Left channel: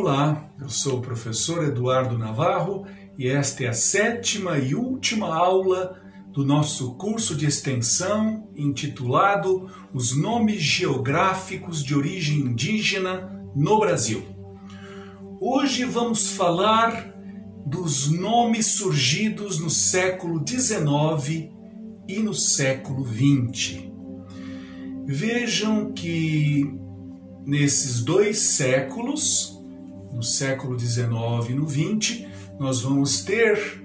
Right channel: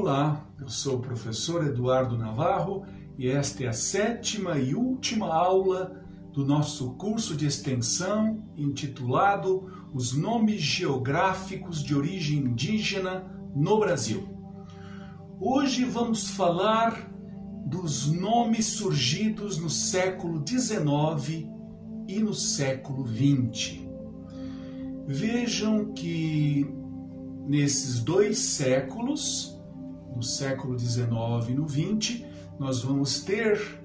Olá, eu sou o professor Eduardo Navarro e esta é a 7ª e última aula do nosso curso de extensão intitulado Os Nomes Geográficos de Origem Indígena no Brasil. Hoje vamos falar dos nomes surgidos no século XIX e no século XX. Vejam que nesses dois séculos, no século XIX e no XX, nós vamos ter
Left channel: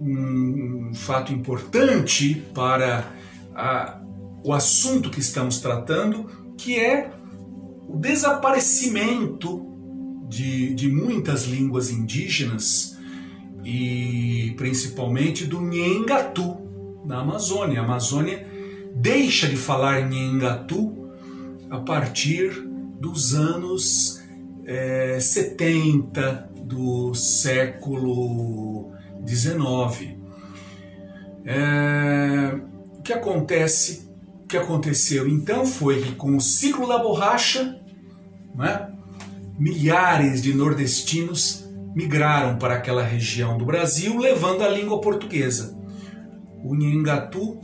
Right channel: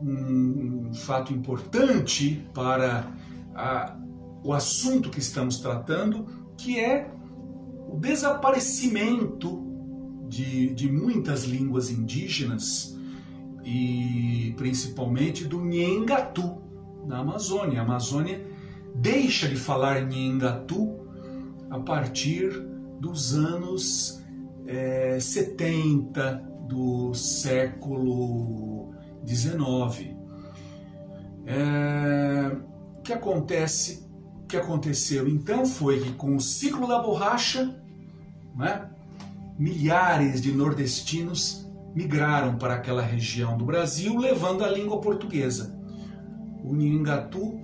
um fato importante para o assunto que estamos tratando, que é o desaparecimento de muitas línguas indígenas e principalmente do Nhengatu na Amazônia. A Amazônia deixa de falar Nhengatu a partir dos anos 70 do século XIX. O que aconteceu então foi que com o ciclo da borracha, milhares de nordestinos migraram para aquela região do Brasil, levando a língua portuguesa. O Nhengatu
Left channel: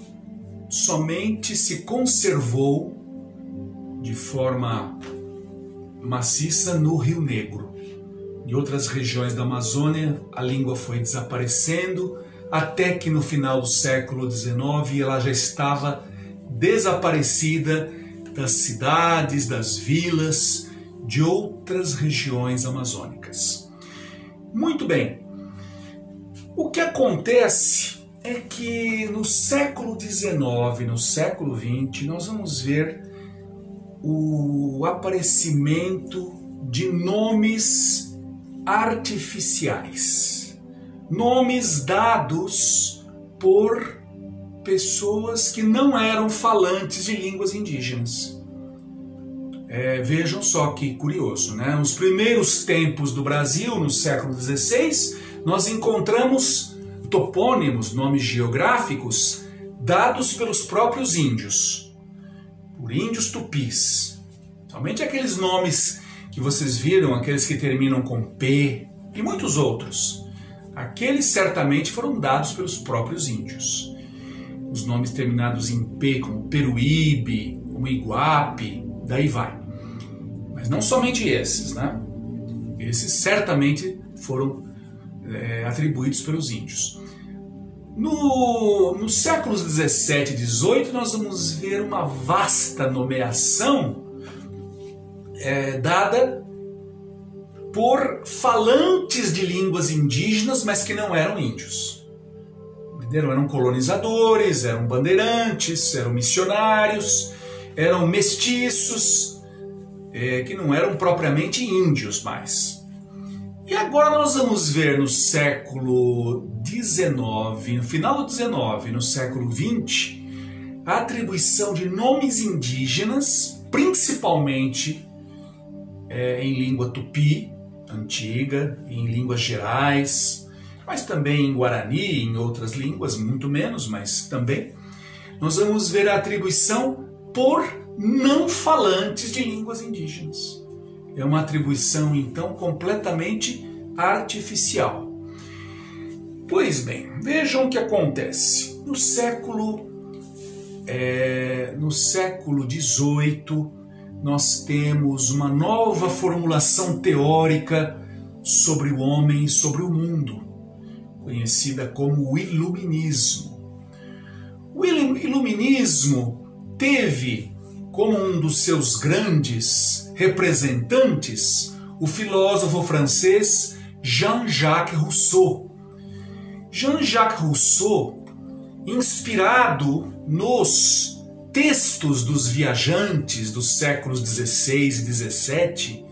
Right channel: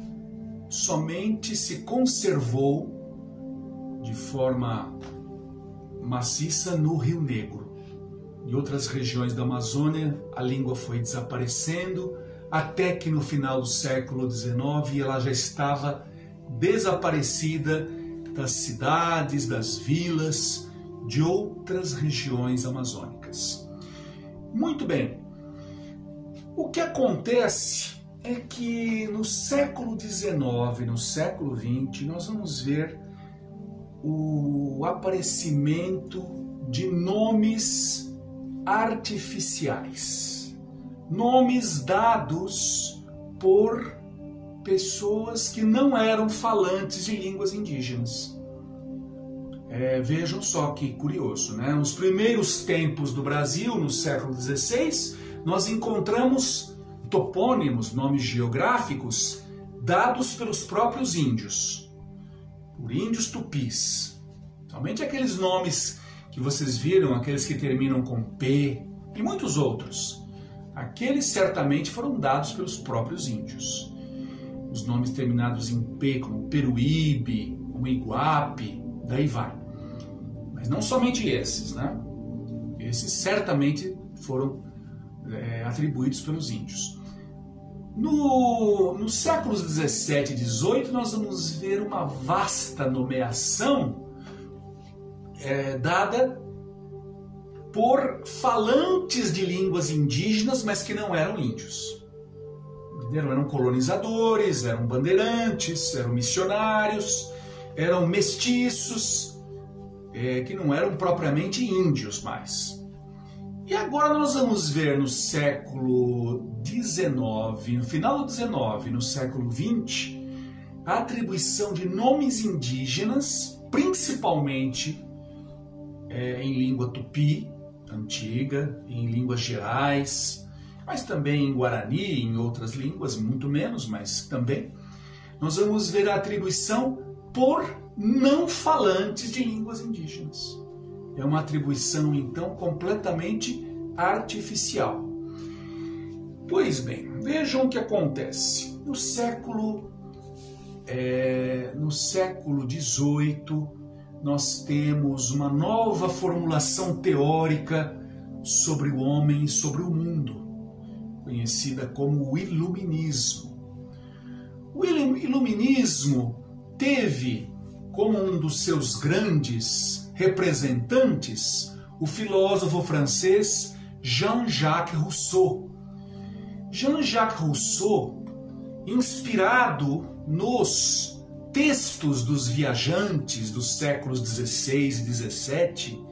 somente se conservou de forma maciça no Rio Negro. Em outras regiões da Amazônia, a língua foi desaparecendo, até que no final do século XIX ela já estava desaparecida das cidades, das vilas, de outras regiões amazônicas. Muito bem, o que acontece é que no século XIX, no século XX, nós vamos ver o aparecimento de nomes artificiais, nomes dados por pessoas que não eram falantes de línguas indígenas. Vejam só que curioso, né? Nos primeiros tempos do Brasil, no século XVI, nós encontramos topônimos, nomes geográficos, dados pelos próprios índios, por índios tupis. Somente aqueles nomes que vocês viram, aqueles que terminam com P e muitos outros, aqueles certamente foram dados pelos próprios índios. Os nomes terminados em P, como Peruíbe, como Iguape, daí vai. Mas não somente esses, né? Esses certamente foram atribuídos pelos índios. Nos séculos 17 e 18, nós vamos ver uma vasta nomeação dada por falantes de línguas indígenas, mas que não eram índios. Eram colonizadores, eram bandeirantes, eram missionários, eram mestiços, que não eram propriamente índios mais. E agora nós vamos ver no século XIX, no final do XIX, no século XX, a atribuição de nomes indígenas, principalmente em língua tupi, antiga, em línguas gerais, mas também em guarani, em outras línguas, muito menos, mas também. Nós vamos ver a atribuição por não falantes de línguas indígenas. É uma atribuição, então, completamente artificial. Pois bem, vejam o que acontece. No século XVIII, nós temos uma nova formulação teórica sobre o homem e sobre o mundo, conhecida como o Iluminismo. O Iluminismo teve como um dos seus grandes representantes o filósofo francês Jean-Jacques Rousseau. Jean-Jacques Rousseau, inspirado nos textos dos viajantes dos séculos XVI e XVII,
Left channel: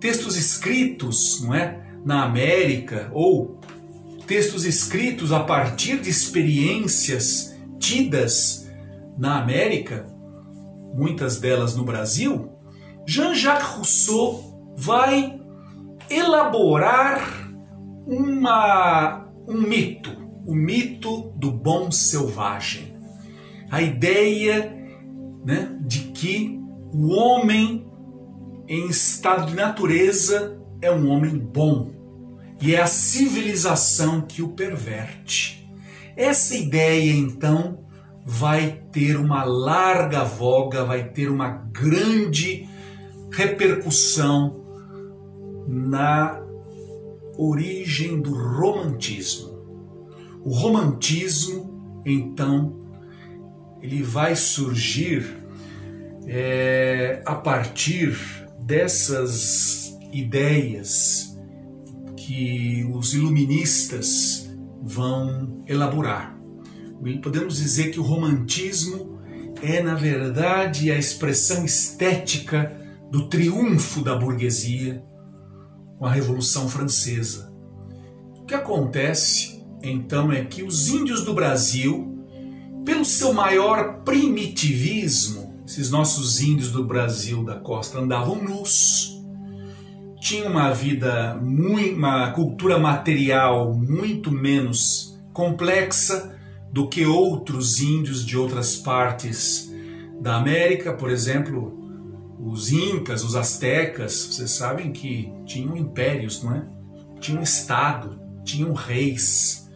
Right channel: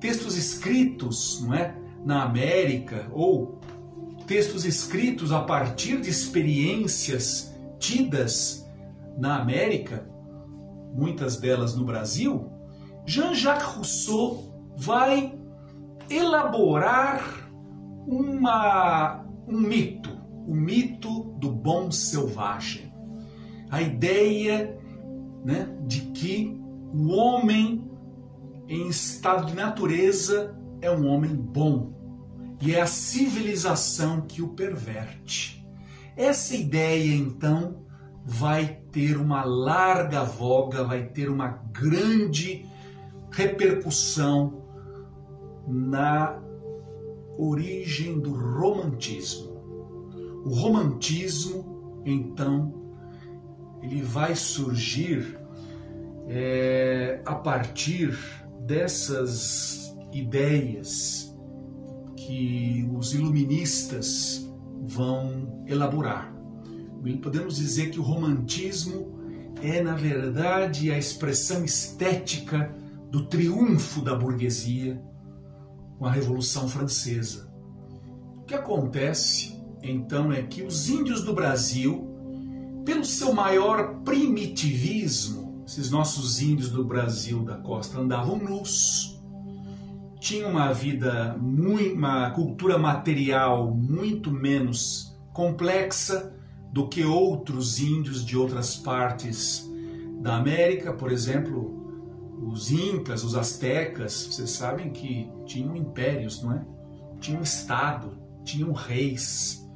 textos escritos, na América, ou textos escritos a partir de experiências tidas na América, muitas delas no Brasil, Jean-Jacques Rousseau vai elaborar um mito, o mito do bom selvagem. A ideia, de que o homem em estado de natureza é um homem bom e é a civilização que o perverte. Essa ideia, então, vai ter uma larga voga, vai ter uma grande repercussão na origem do romantismo. O romantismo, então, ele vai surgir a partir dessas ideias que os iluministas vão elaborar. Podemos dizer que o romantismo é, na verdade, a expressão estética do triunfo da burguesia com a Revolução Francesa. O que acontece, então, é que os índios do Brasil, pelo seu maior primitivismo, esses nossos índios do Brasil da costa andavam nus, tinham uma vida, uma cultura material muito menos complexa do que outros índios de outras partes da América. Por exemplo, os incas, os astecas, vocês sabem que tinham impérios, não é? Tinham estado, tinham reis,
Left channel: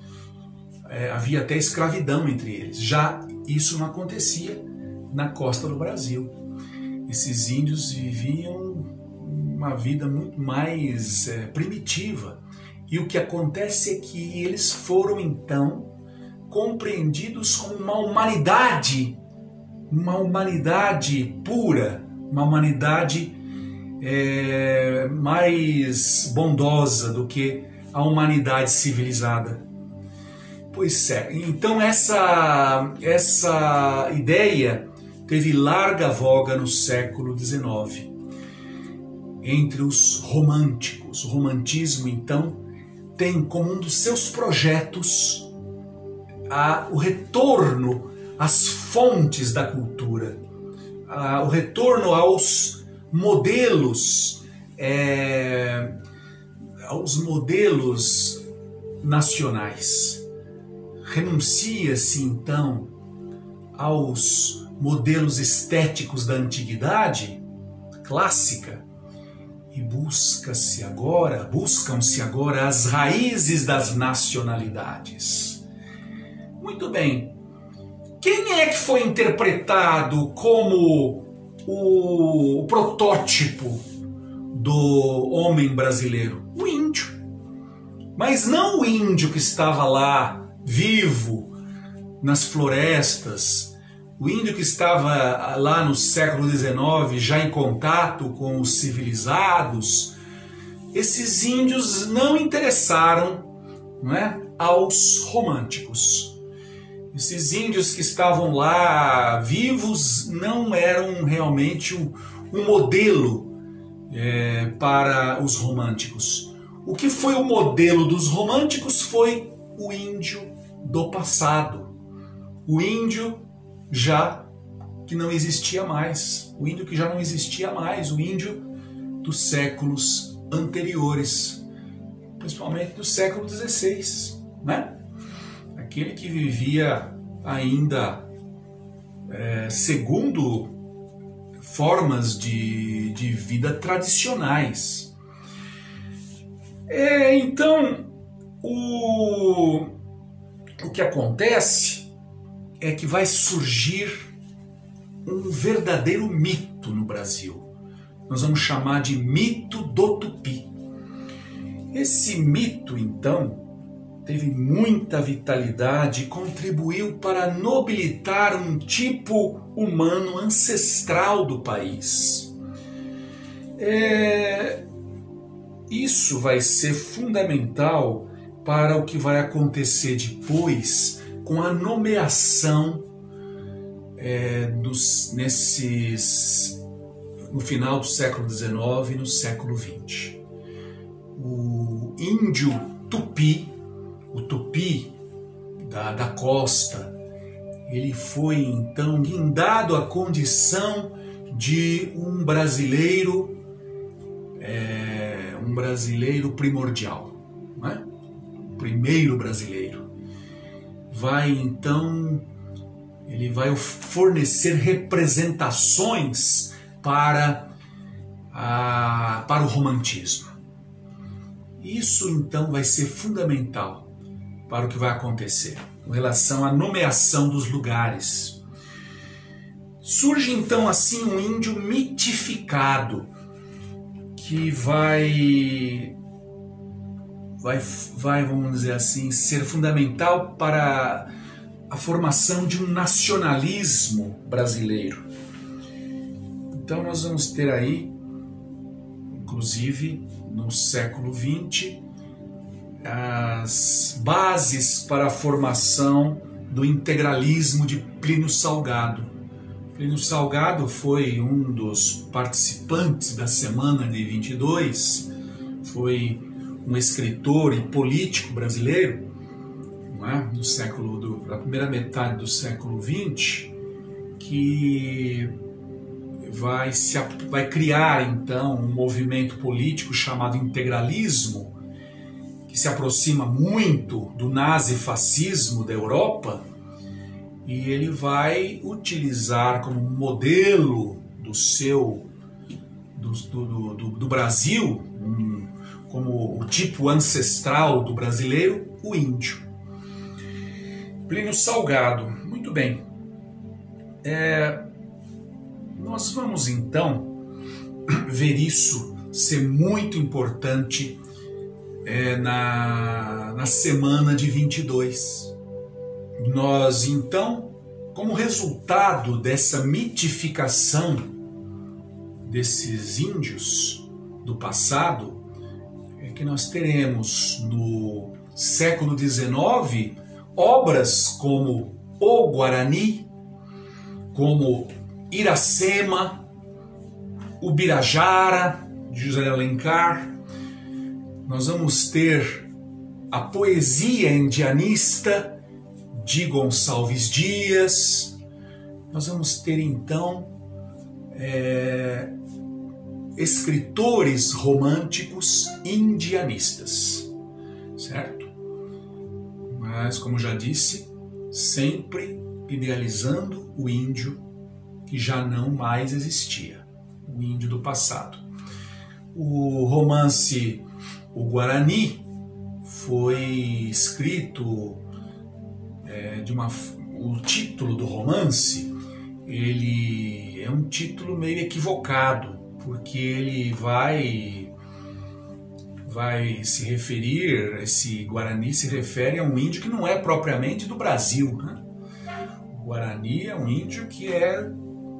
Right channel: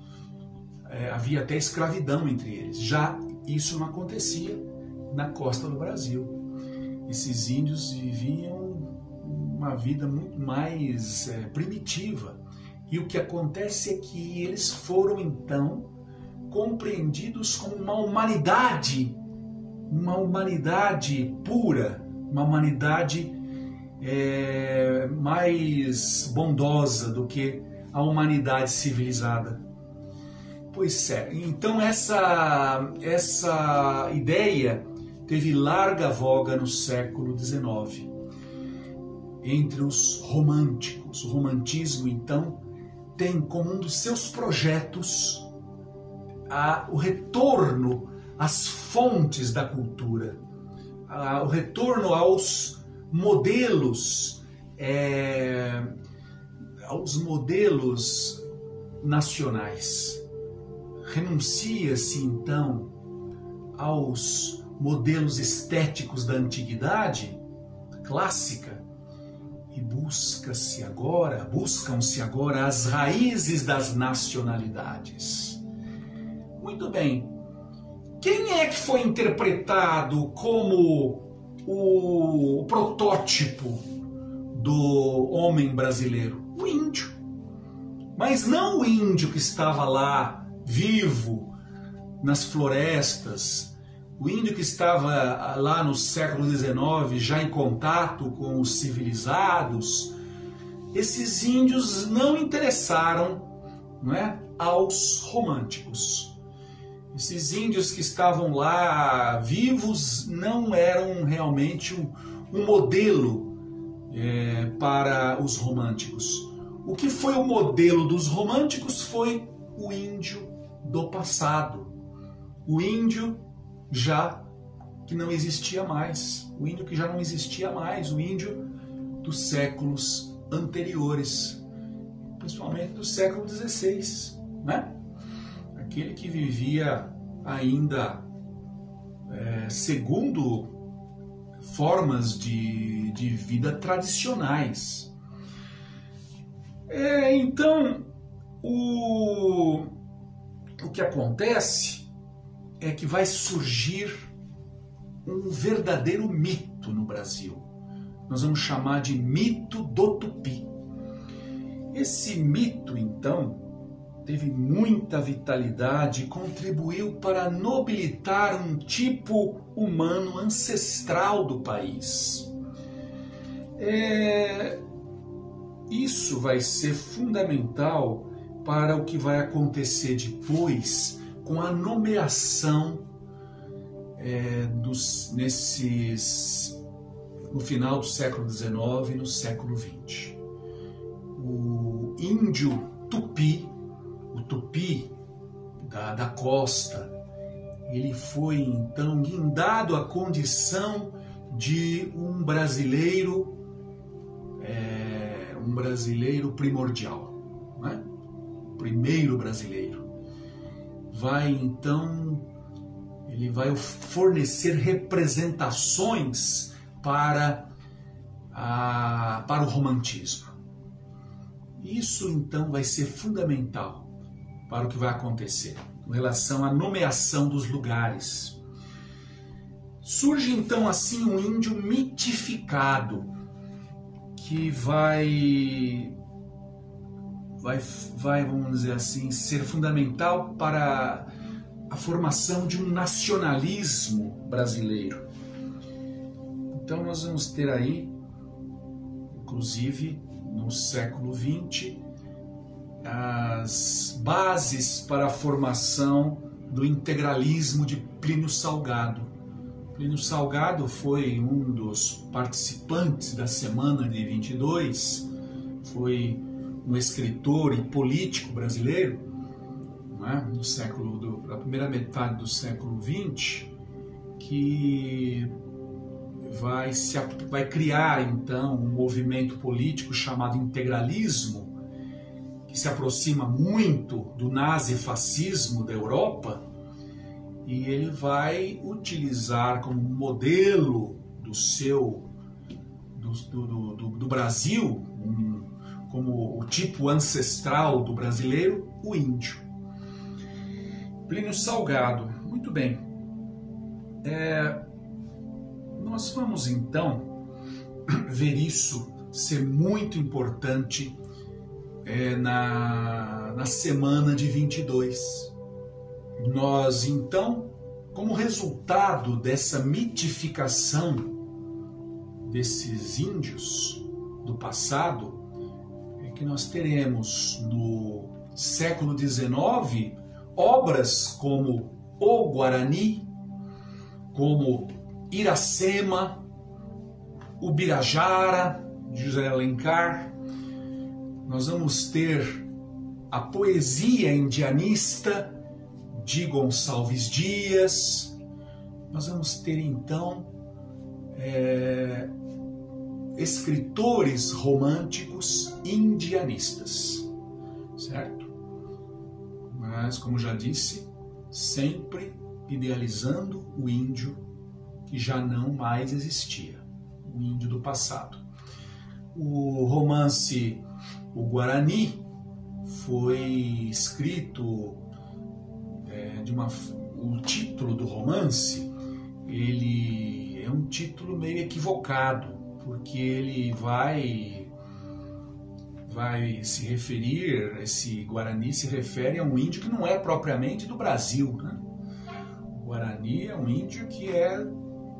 havia até escravidão entre eles. Já isso não acontecia na costa do Brasil. Esses índios viviam uma vida muito mais primitiva. E o que acontece é que eles foram, então, compreendidos como uma humanidade pura, uma humanidade mais bondosa do que a humanidade civilizada. Pois é, então essa ideia teve larga voga no século XIX, entre os românticos. O romantismo, então, tem como um dos seus projetos o retorno às fontes da cultura, o retorno aos modelos nacionais. Renuncia-se, então, aos modelos estéticos da antiguidade clássica e buscam-se agora as raízes das nacionalidades. Muito bem. Quem é que foi interpretado como o protótipo do homem brasileiro? O índio. Mas não o índio que estava lá vivo nas florestas, o índio que estava lá no século XIX já em contato com os civilizados. Esses índios não interessaram, não é, aos românticos. Esses índios que estavam lá vivos não eram realmente um modelo para os românticos. O que foi o modelo dos românticos foi o índio do passado, o índio já que não existia mais, o índio que já não existia mais, o índio dos séculos anteriores, principalmente do século XVI, né? Aquele que vivia ainda segundo formas de vida tradicionais. Então, o que acontece é que vai surgir um verdadeiro mito no Brasil. Nós vamos chamar de mito do Tupi. Esse mito, então, teve muita vitalidade e contribuiu para nobilitar um tipo humano ancestral do país. Isso vai ser fundamental para o que vai acontecer depois com a nomeação no final do século XIX e no século XX. O índio Tupi, o Tupi da costa, ele foi então guindado à condição de um brasileiro primordial, né? O primeiro brasileiro. Ele vai fornecer representações para o romantismo. Isso então vai ser fundamental para o que vai acontecer com relação à nomeação dos lugares. Surge então assim um índio mitificado que vai, vamos dizer assim, ser fundamental para a formação de um nacionalismo brasileiro. Então nós vamos ter aí, inclusive no século XX, as bases para a formação do integralismo de Plínio Salgado. Plínio Salgado foi um dos participantes da Semana de 22, foi um escritor e político brasileiro, não é? Da primeira metade do século XX, que vai criar então um movimento político chamado integralismo, que se aproxima muito do nazifascismo da Europa, e ele vai utilizar como modelo do Brasil, como o tipo ancestral do brasileiro, o índio. Plínio Salgado, muito bem. Nós vamos então ver isso ser muito importante na semana de 22. Nós então, como resultado dessa mitificação desses índios do passado, é que nós teremos no século XIX obras como O Guarani, como Iracema, Ubirajara, de José de Alencar. Nós vamos ter a poesia indianista de Gonçalves Dias. Nós vamos ter então escritores românticos indianistas, certo? Mas, como já disse, sempre idealizando o índio que já não mais existia, o índio do passado. O romance O Guarani foi escrito o título do romance, ele é um título meio equivocado, porque ele vai se referir, esse Guarani se refere a um índio que não é propriamente do Brasil, né? O Guarani é um índio que é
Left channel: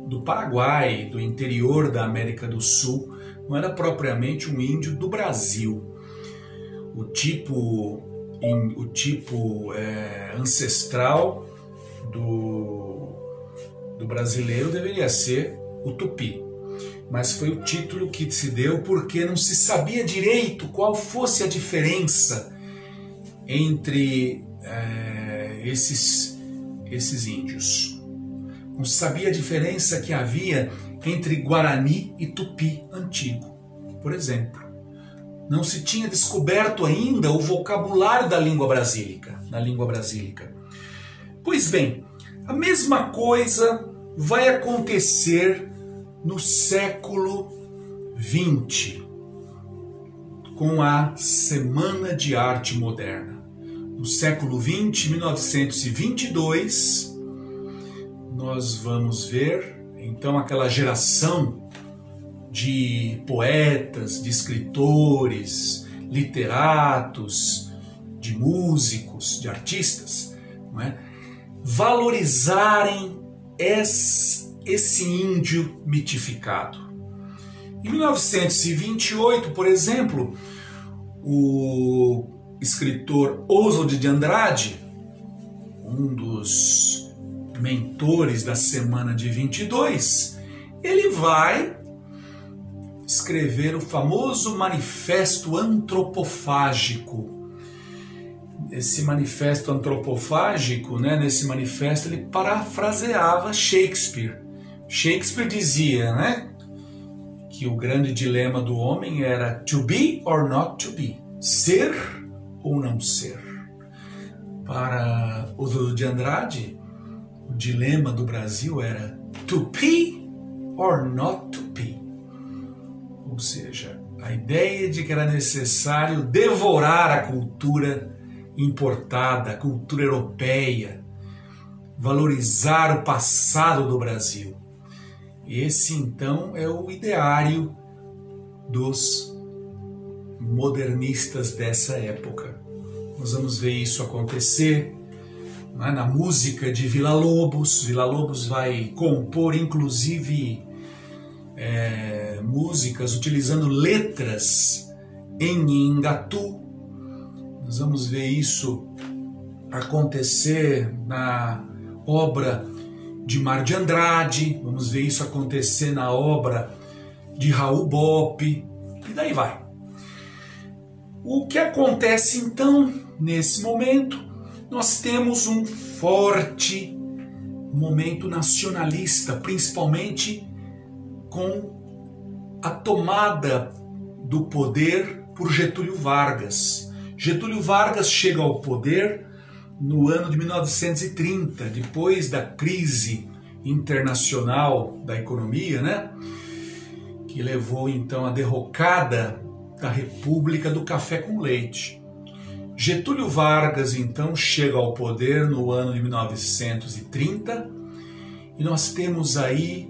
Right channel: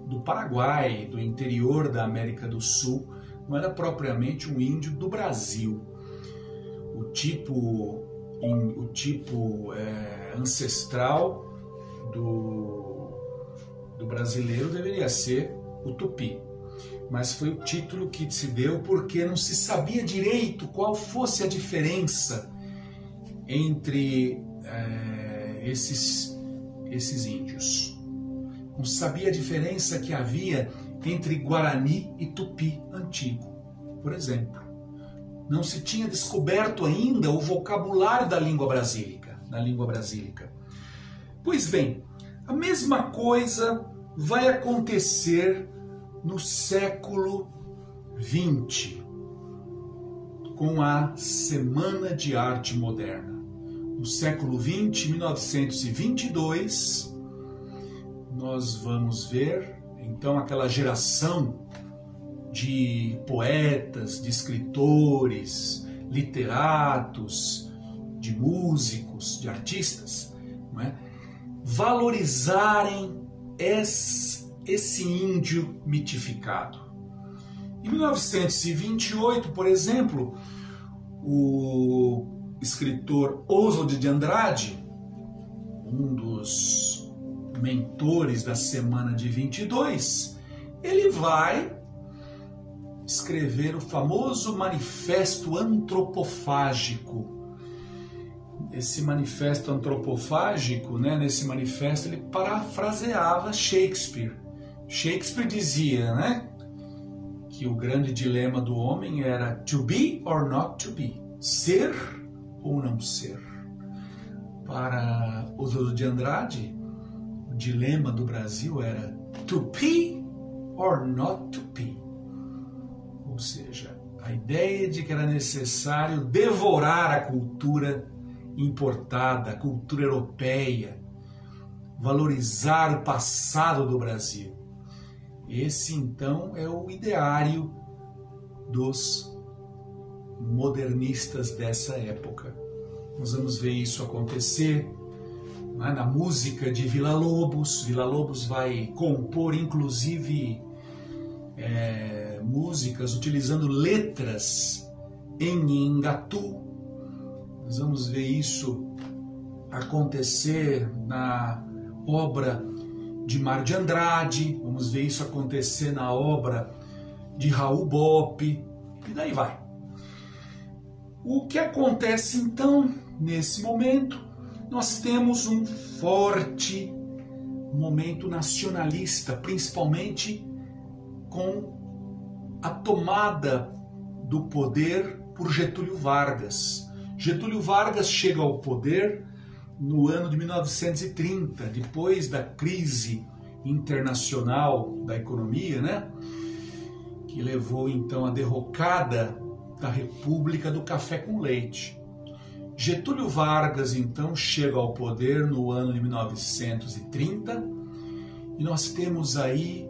do Paraguai, do interior da América do Sul, não era propriamente um índio do Brasil. O tipo ancestral do brasileiro deveria ser o tupi, mas foi o título que se deu porque não se sabia direito qual fosse a diferença entre esses índios. Não se sabia a diferença que havia entre Guarani e Tupi antigo, por exemplo. Não se tinha descoberto ainda o vocabulário da língua brasílica. Pois bem, a mesma coisa vai acontecer no século XX, com a Semana de Arte Moderna. No século XX, 1922, nós vamos ver então aquela geração de poetas, de escritores, literatos, de músicos, de artistas, não é? Valorizarem esse índio mitificado. Em 1928, por exemplo, o escritor Oswald de Andrade, um dos mentores da Semana de 22, ele vai escrever o famoso Manifesto Antropofágico. Esse manifesto antropofágico, nesse manifesto ele parafraseava Shakespeare. Shakespeare dizia, que o grande dilema do homem era to be or not to be, ser ou não ser. Para Oswald de Andrade, o dilema do Brasil era to be or not to be. Ou seja, a ideia de que era necessário devorar a cultura importada, a cultura europeia, valorizar o passado do Brasil. Esse, então, é o ideário dos modernistas dessa época. Nós vamos ver isso acontecer na música de Villa-Lobos. Villa-Lobos vai compor, inclusive, músicas utilizando letras em Ngatu. Nós vamos ver isso acontecer na obra de Mar de Andrade, vamos ver isso acontecer na obra de Raul Bopp, e daí vai. O que acontece então, nesse momento? Nós temos um forte momento nacionalista, principalmente com a tomada do poder por Getúlio Vargas. Getúlio Vargas chega ao poder no ano de 1930, depois da crise internacional da economia, né? Que levou então à derrocada da República do Café com Leite. Getúlio Vargas então chega ao poder no ano de 1930 e nós temos aí,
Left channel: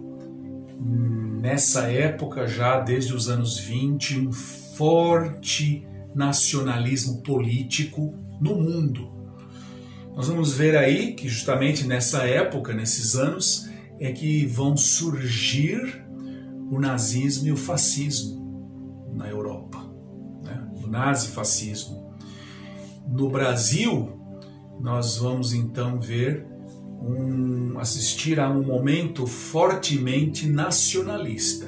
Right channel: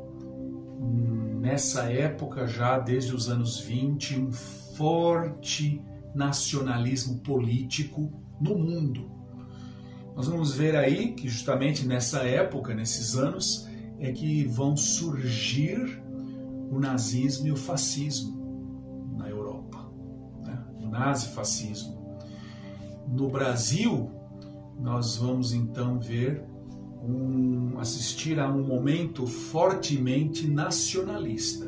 nessa época já desde os anos 20, um forte nacionalismo político no mundo. Nós vamos ver aí que justamente nessa época, nesses anos, é que vão surgir o nazismo e o fascismo na Europa, né? O nazifascismo. No Brasil, nós vamos então ver, assistir a um momento fortemente nacionalista.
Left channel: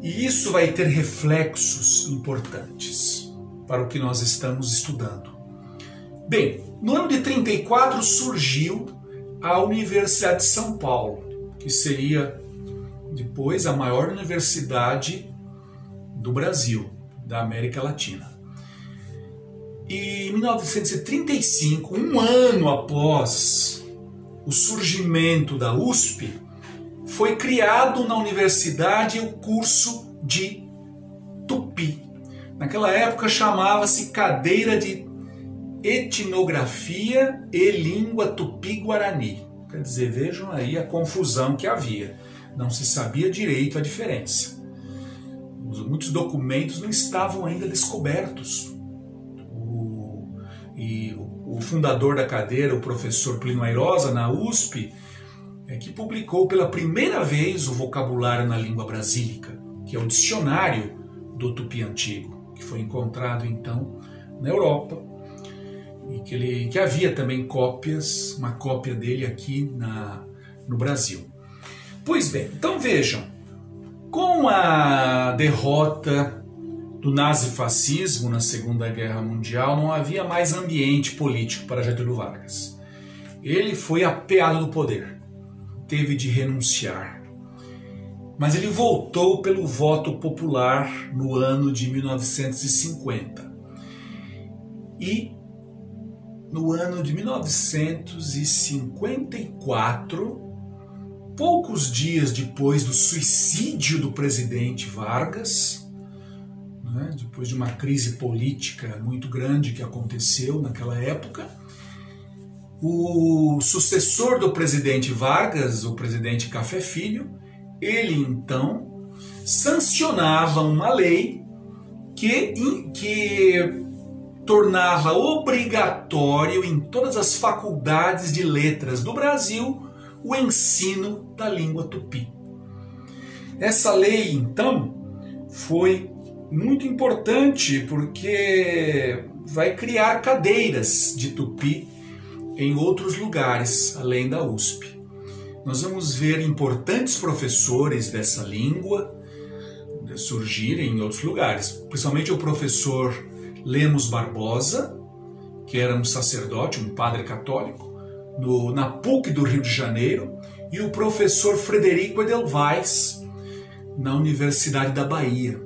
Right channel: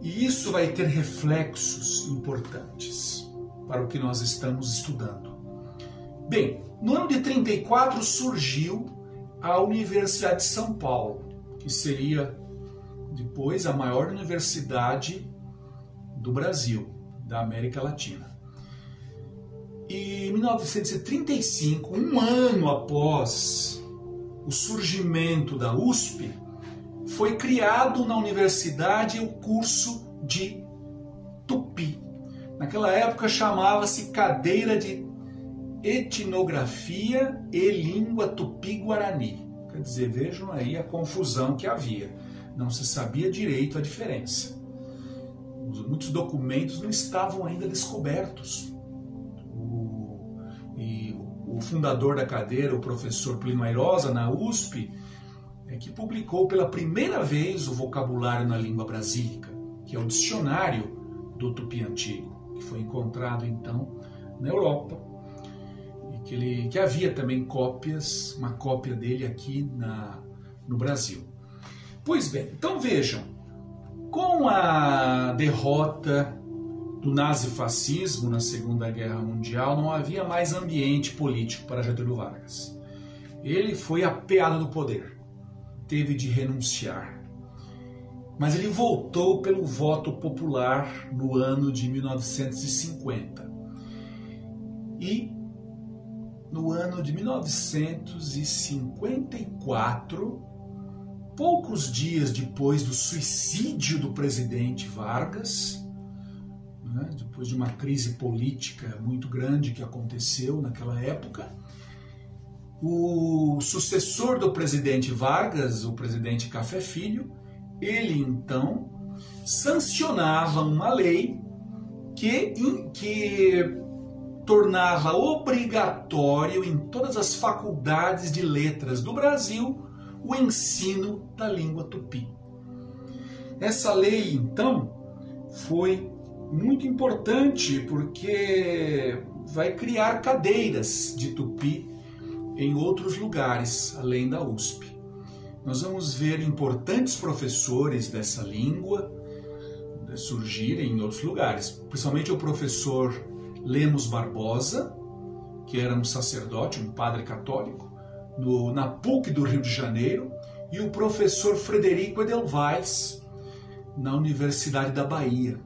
E isso vai ter reflexos importantes para o que nós estamos estudando. Bem, no ano de 34 surgiu a Universidade de São Paulo, que seria depois a maior universidade do Brasil, da América Latina. E em 1935, um ano após o surgimento da USP, foi criado na universidade o curso de Tupi. Naquela época chamava-se cadeira de Etnografia e Língua Tupi-Guarani. Quer dizer, vejam aí a confusão que havia. Não se sabia direito a diferença. Muitos documentos não estavam ainda descobertos. O fundador da cadeira, o professor Plínio Airosa, na USP, que publicou pela primeira vez o vocabulário na língua brasílica, que é o dicionário do Tupi antigo, que foi encontrado então na Europa, e que havia também cópias, uma cópia dele aqui no Brasil. Pois bem, então vejam, com a derrota do nazifascismo na Segunda Guerra Mundial, não havia mais ambiente político para Getúlio Vargas. Ele foi apeado do poder, teve de renunciar. Mas ele voltou pelo voto popular no ano de 1950. E no ano de 1954, poucos dias depois do suicídio do presidente Vargas, depois de uma crise política muito grande que aconteceu naquela época, o sucessor do presidente Vargas, o presidente Café Filho, ele então sancionava uma lei que tornava obrigatório em todas as faculdades de letras do Brasil o ensino da língua tupi. Essa lei, então, foi muito importante porque vai criar cadeiras de tupi em outros lugares, além da USP. Nós vamos ver importantes professores dessa língua surgirem em outros lugares, principalmente o professor Lemos Barbosa, que era um sacerdote, um padre católico, na PUC do Rio de Janeiro, e o professor Frederico Edelweiss, na Universidade da Bahia.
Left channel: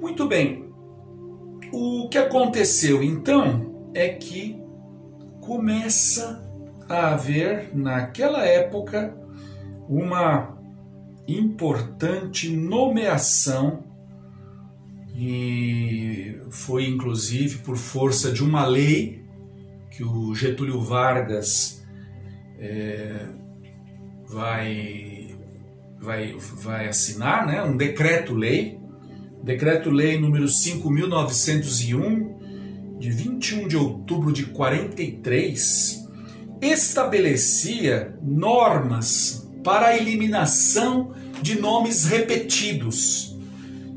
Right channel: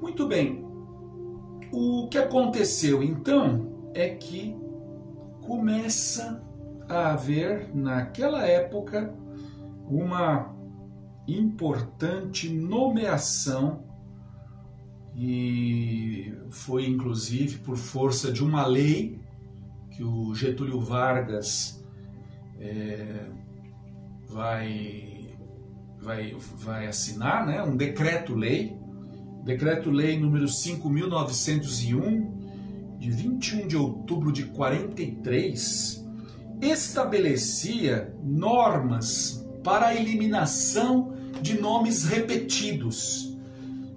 Muito bem, o que aconteceu então é que começa a haver, naquela época, uma importante nomeação e foi inclusive por força de uma lei que o Getúlio Vargas vai assinar, né? Um decreto-lei número 5.901, de 21 de outubro de 43, estabelecia normas para a eliminação de nomes repetidos,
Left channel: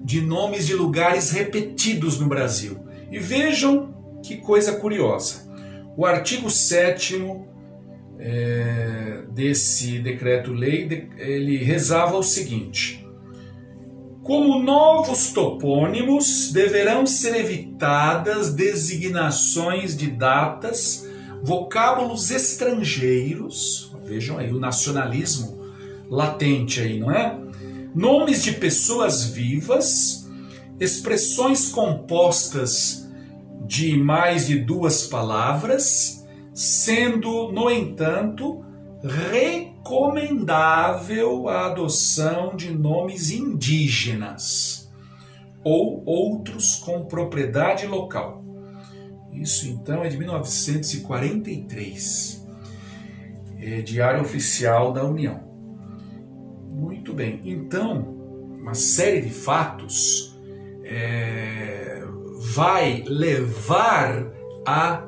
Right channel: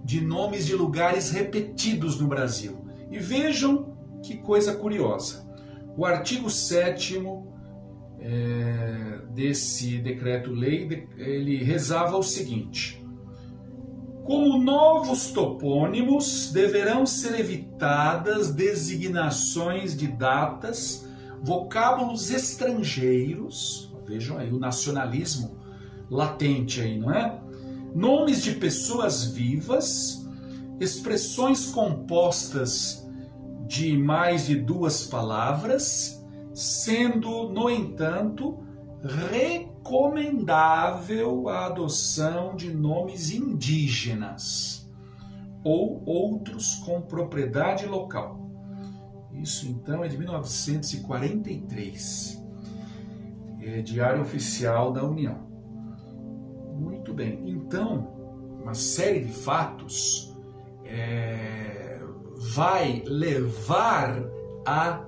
de nomes de lugares repetidos no Brasil. E vejam que coisa curiosa. O artigo 7º desse decreto-lei, ele rezava o seguinte: como novos topônimos, deverão ser evitadas designações de datas, vocábulos estrangeiros, vejam aí o nacionalismo latente aí, não é? Nomes de pessoas vivas, expressões compostas de mais de 2 palavras, sendo, no entanto, recomendável a adoção de nomes indígenas ou outros com propriedade local. Isso então é de 1943, Diário Oficial da União. Muito bem, então uma série de fatos vai levar a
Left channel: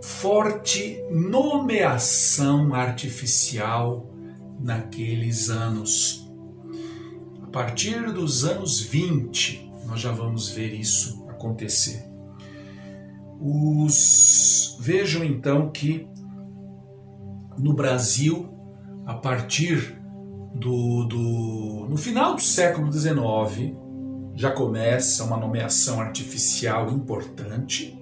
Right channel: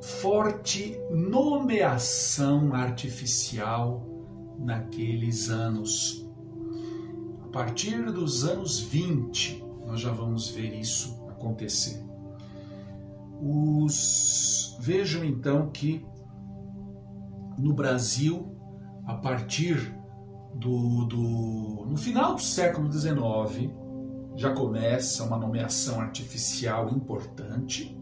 forte nomeação artificial naqueles anos. A partir dos anos 20, nós já vamos ver isso acontecer. Vejam então que no Brasil, a partir no final do século XIX, já começa uma nomeação artificial importante,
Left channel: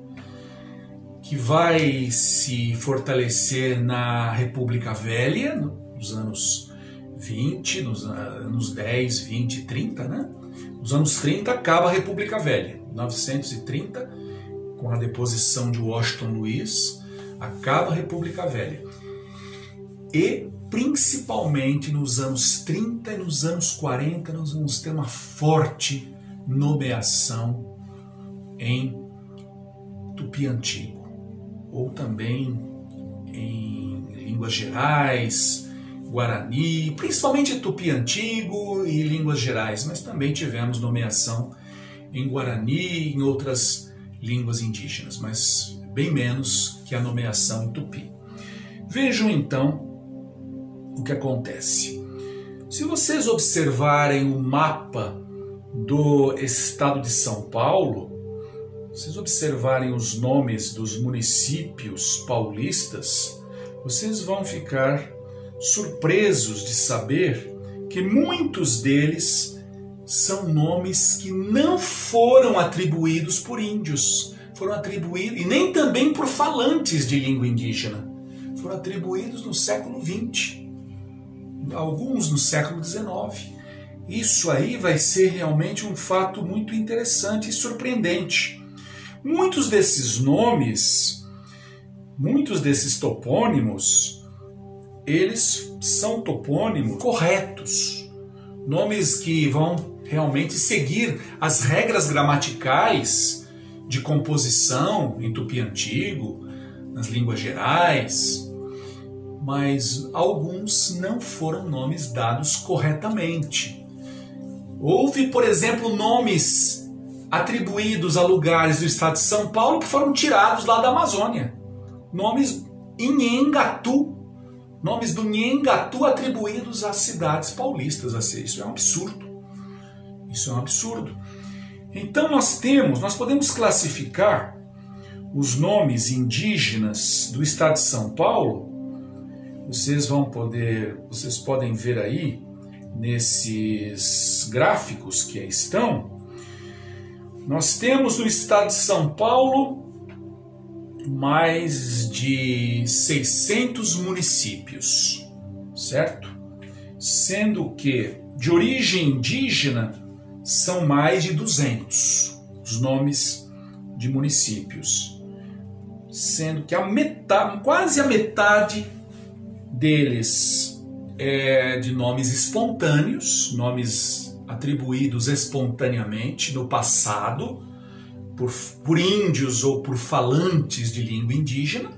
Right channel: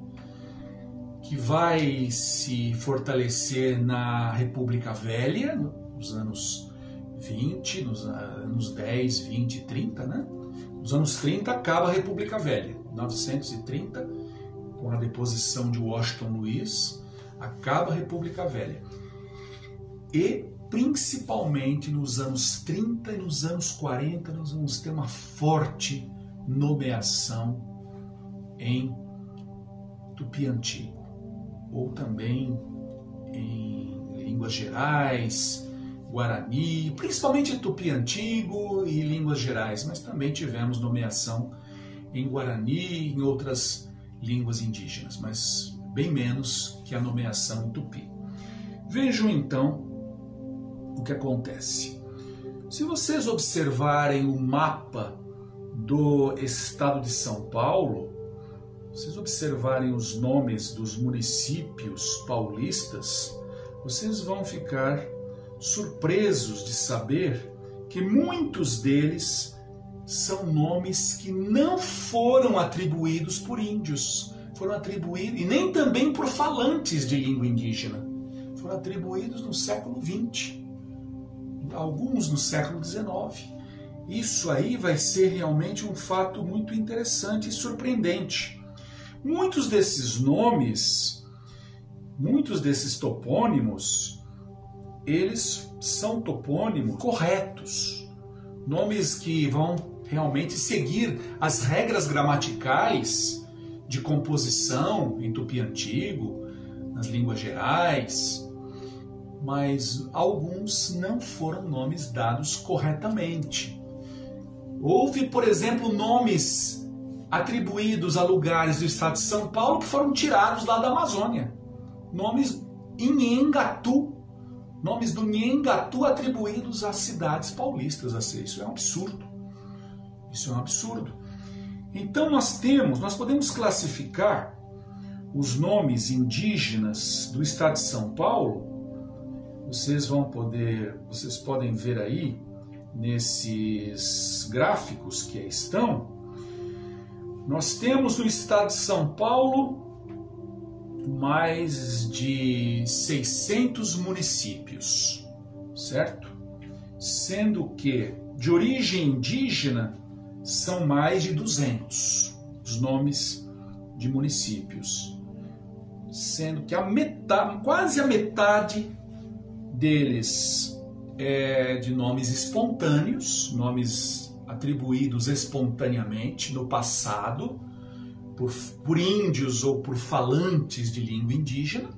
que vai se fortalecer na República Velha, nos anos 20, nos anos 10, 20, 30, né? Nos anos 30 acaba a República Velha, 1930, com a deposição de Washington Luiz, acaba a República Velha. E principalmente nos anos 30 e nos anos 40 nós vamos ter uma forte nomeação em Tupi-Antigo, ou também em línguas gerais, Guarani, principalmente Tupi-Antigo e línguas gerais, mas também tivemos nomeação em Guarani e em outras línguas indígenas, mas bem menos que a nomeação em Tupi. Vejam então o que acontece. Se vocês observarem o mapa do estado de São Paulo, vocês observarem os nomes dos municípios paulistas, vocês vão ficar surpresos de saber que muitos deles são nomes que não foram atribuídos por índios, foram atribuídos, e nem também por falantes de língua indígena, foram atribuídos no século XX, alguns no século XIX. Isso aí vai ser realmente um fato muito interessante e surpreendente. Muitos desses nomes, muitos desses topônimos, eles são topônimos corretos, nomes que vão realmente seguir as regras gramaticais de composição em Tupi-Antigo, nas línguas gerais, mas alguns não foram nomes dados corretamente. Houve, por exemplo, nomes atribuídos a lugares do estado de São Paulo que foram tirados lá da Amazônia. Nomes Inhengatu, nomes do Nhengatu atribuídos às cidades paulistas. Isso é um absurdo. Isso é um absurdo. Então nós podemos classificar os nomes indígenas do estado de São Paulo. Vocês podem ver aí nesses gráficos que aí estão. Nós temos no estado de São Paulo mais de 600 municípios, certo? Sendo que de origem indígena são mais de 200 os nomes de municípios, sendo que quase a metade deles é de nomes espontâneos, nomes atribuídos espontaneamente no passado por índios ou por falantes de língua indígena,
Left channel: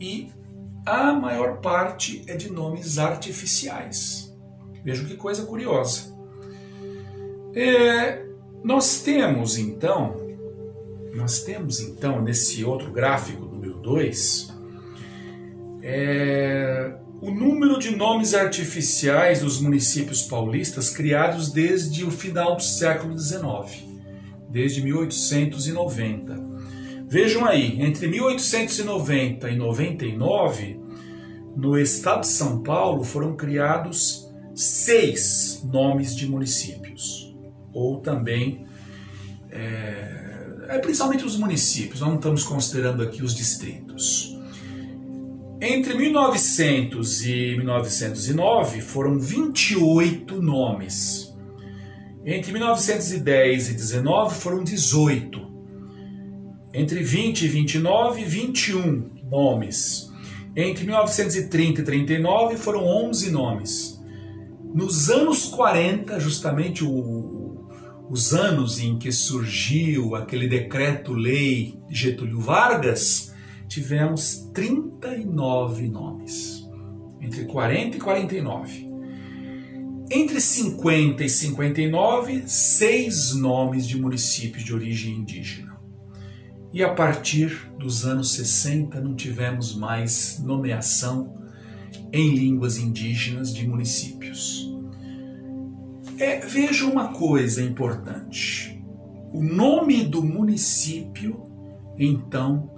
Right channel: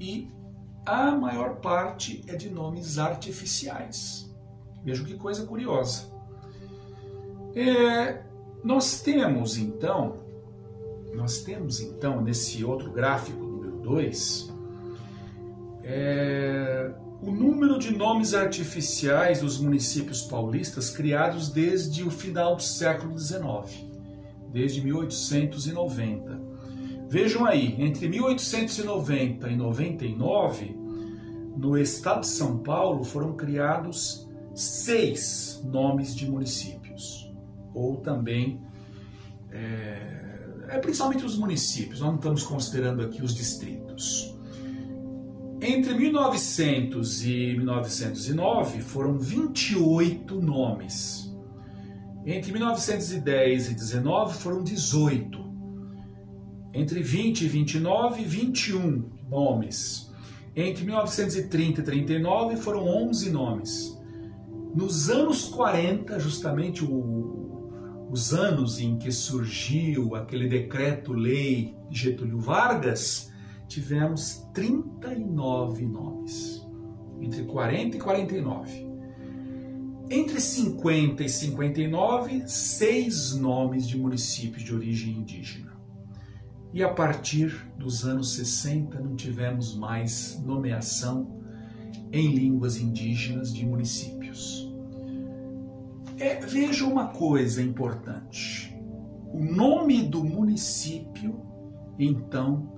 e a maior parte é de nomes artificiais. Veja que coisa curiosa. Nós temos então, nesse outro gráfico, número 2, o número de nomes artificiais dos municípios paulistas criados desde o final do século XIX, desde 1890. Vejam aí, entre 1890 e 99, no estado de São Paulo foram criados 6 nomes de municípios, ou também, principalmente os municípios, nós não estamos considerando aqui os distritos. Entre 1900 e 1909 foram 28 nomes. Entre 1910 e 19 foram 18. Entre 20 e 29, 21 nomes. Entre 1930 e 39 foram 11 nomes. Nos anos 40, justamente os anos em que surgiu aquele decreto-lei de Getúlio Vargas, tivemos 39 nomes. Entre 40 e 49. Entre 50 e 59, 6 nomes de municípios de origem indígena. E a partir dos anos 60 não tivemos mais nomeação em línguas indígenas de municípios. Veja uma coisa importante. O nome do município, então,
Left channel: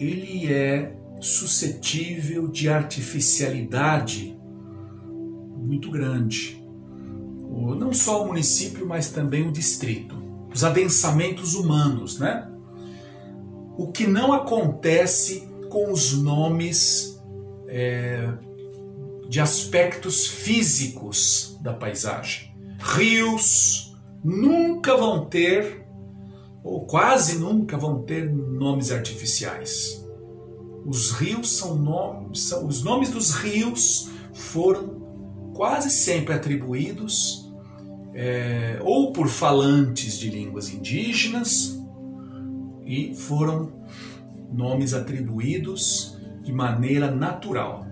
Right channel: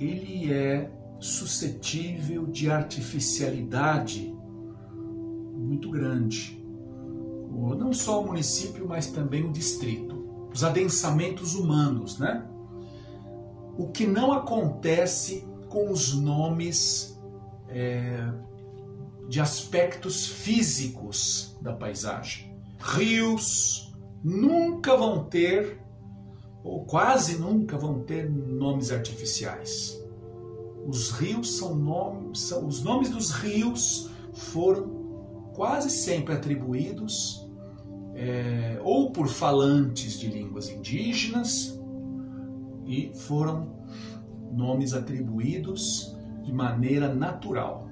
ele é suscetível de artificialidade muito grande. Não só o município, mas também o distrito. Os adensamentos humanos, né? O que não acontece com os nomes de aspectos físicos da paisagem. Rios nunca vão ter, ou quase nunca vão ter, nomes artificiais. Os rios os nomes dos rios foram quase sempre atribuídos ou por falantes de línguas indígenas, e foram nomes atribuídos de maneira natural.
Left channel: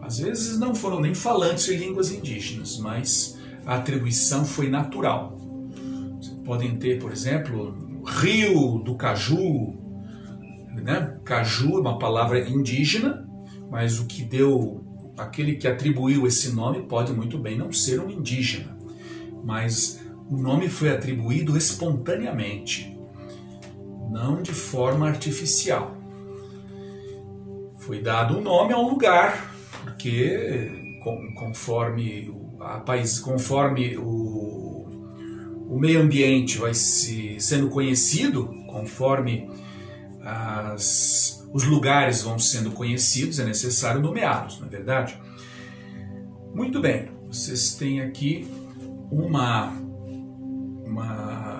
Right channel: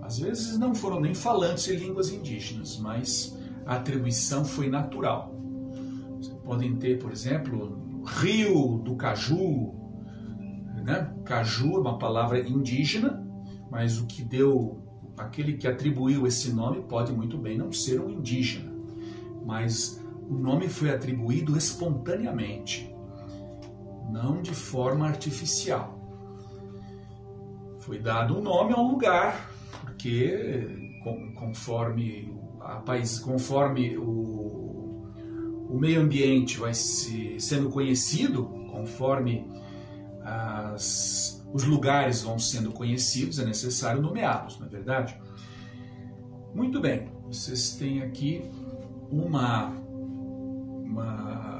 Às vezes não foram nem falantes de línguas indígenas, mas a atribuição foi natural. Vocês podem ter, por exemplo, Rio do Caju, né? Caju é uma palavra indígena, mas aquele que atribuiu esse nome pode muito bem não ser um indígena, mas o nome foi atribuído espontaneamente, não de forma artificial. Foi dado um nome a um lugar, porque conforme o meio ambiente vai sendo conhecido, conforme os lugares vão sendo conhecidos, é necessário nomeá-los, não é verdade? Muito bem, vocês têm aqui uma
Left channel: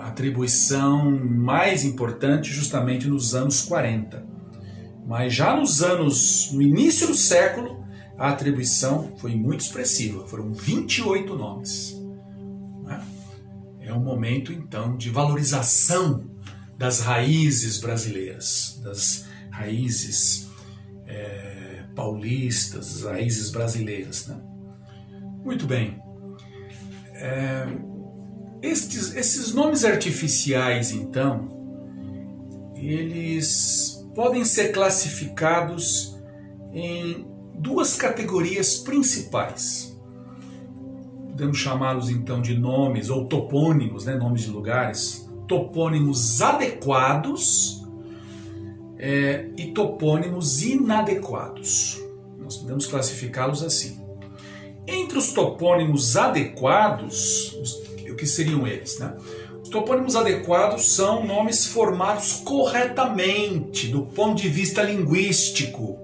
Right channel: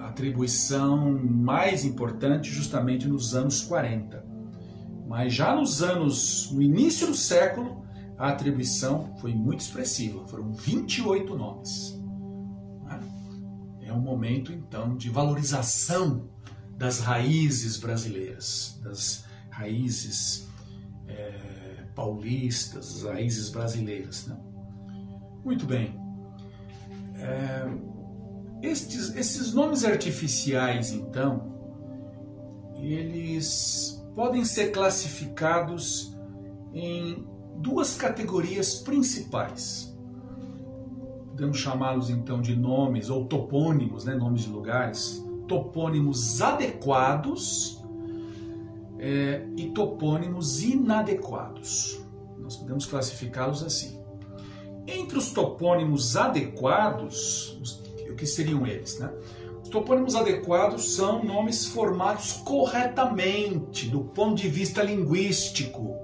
atribuição mais importante justamente nos anos 40. Mas já no início do século, a atribuição foi muito expressiva, foram 28 nomes. É um momento, então, de valorização das raízes brasileiras, das raízes paulistas, das raízes brasileiras, né? Muito bem. Esses nomes artificiais, então, eles podem ser classificados em 2 categorias principais. Podemos chamá-los, então, de nomes ou topônimos, né? Nomes de lugares. Topônimos adequados e topônimos inadequados. Nós podemos classificá-los assim. Entre os topônimos adequados, o que seriam eles, né? Os topônimos adequados são nomes formados corretamente do ponto de vista linguístico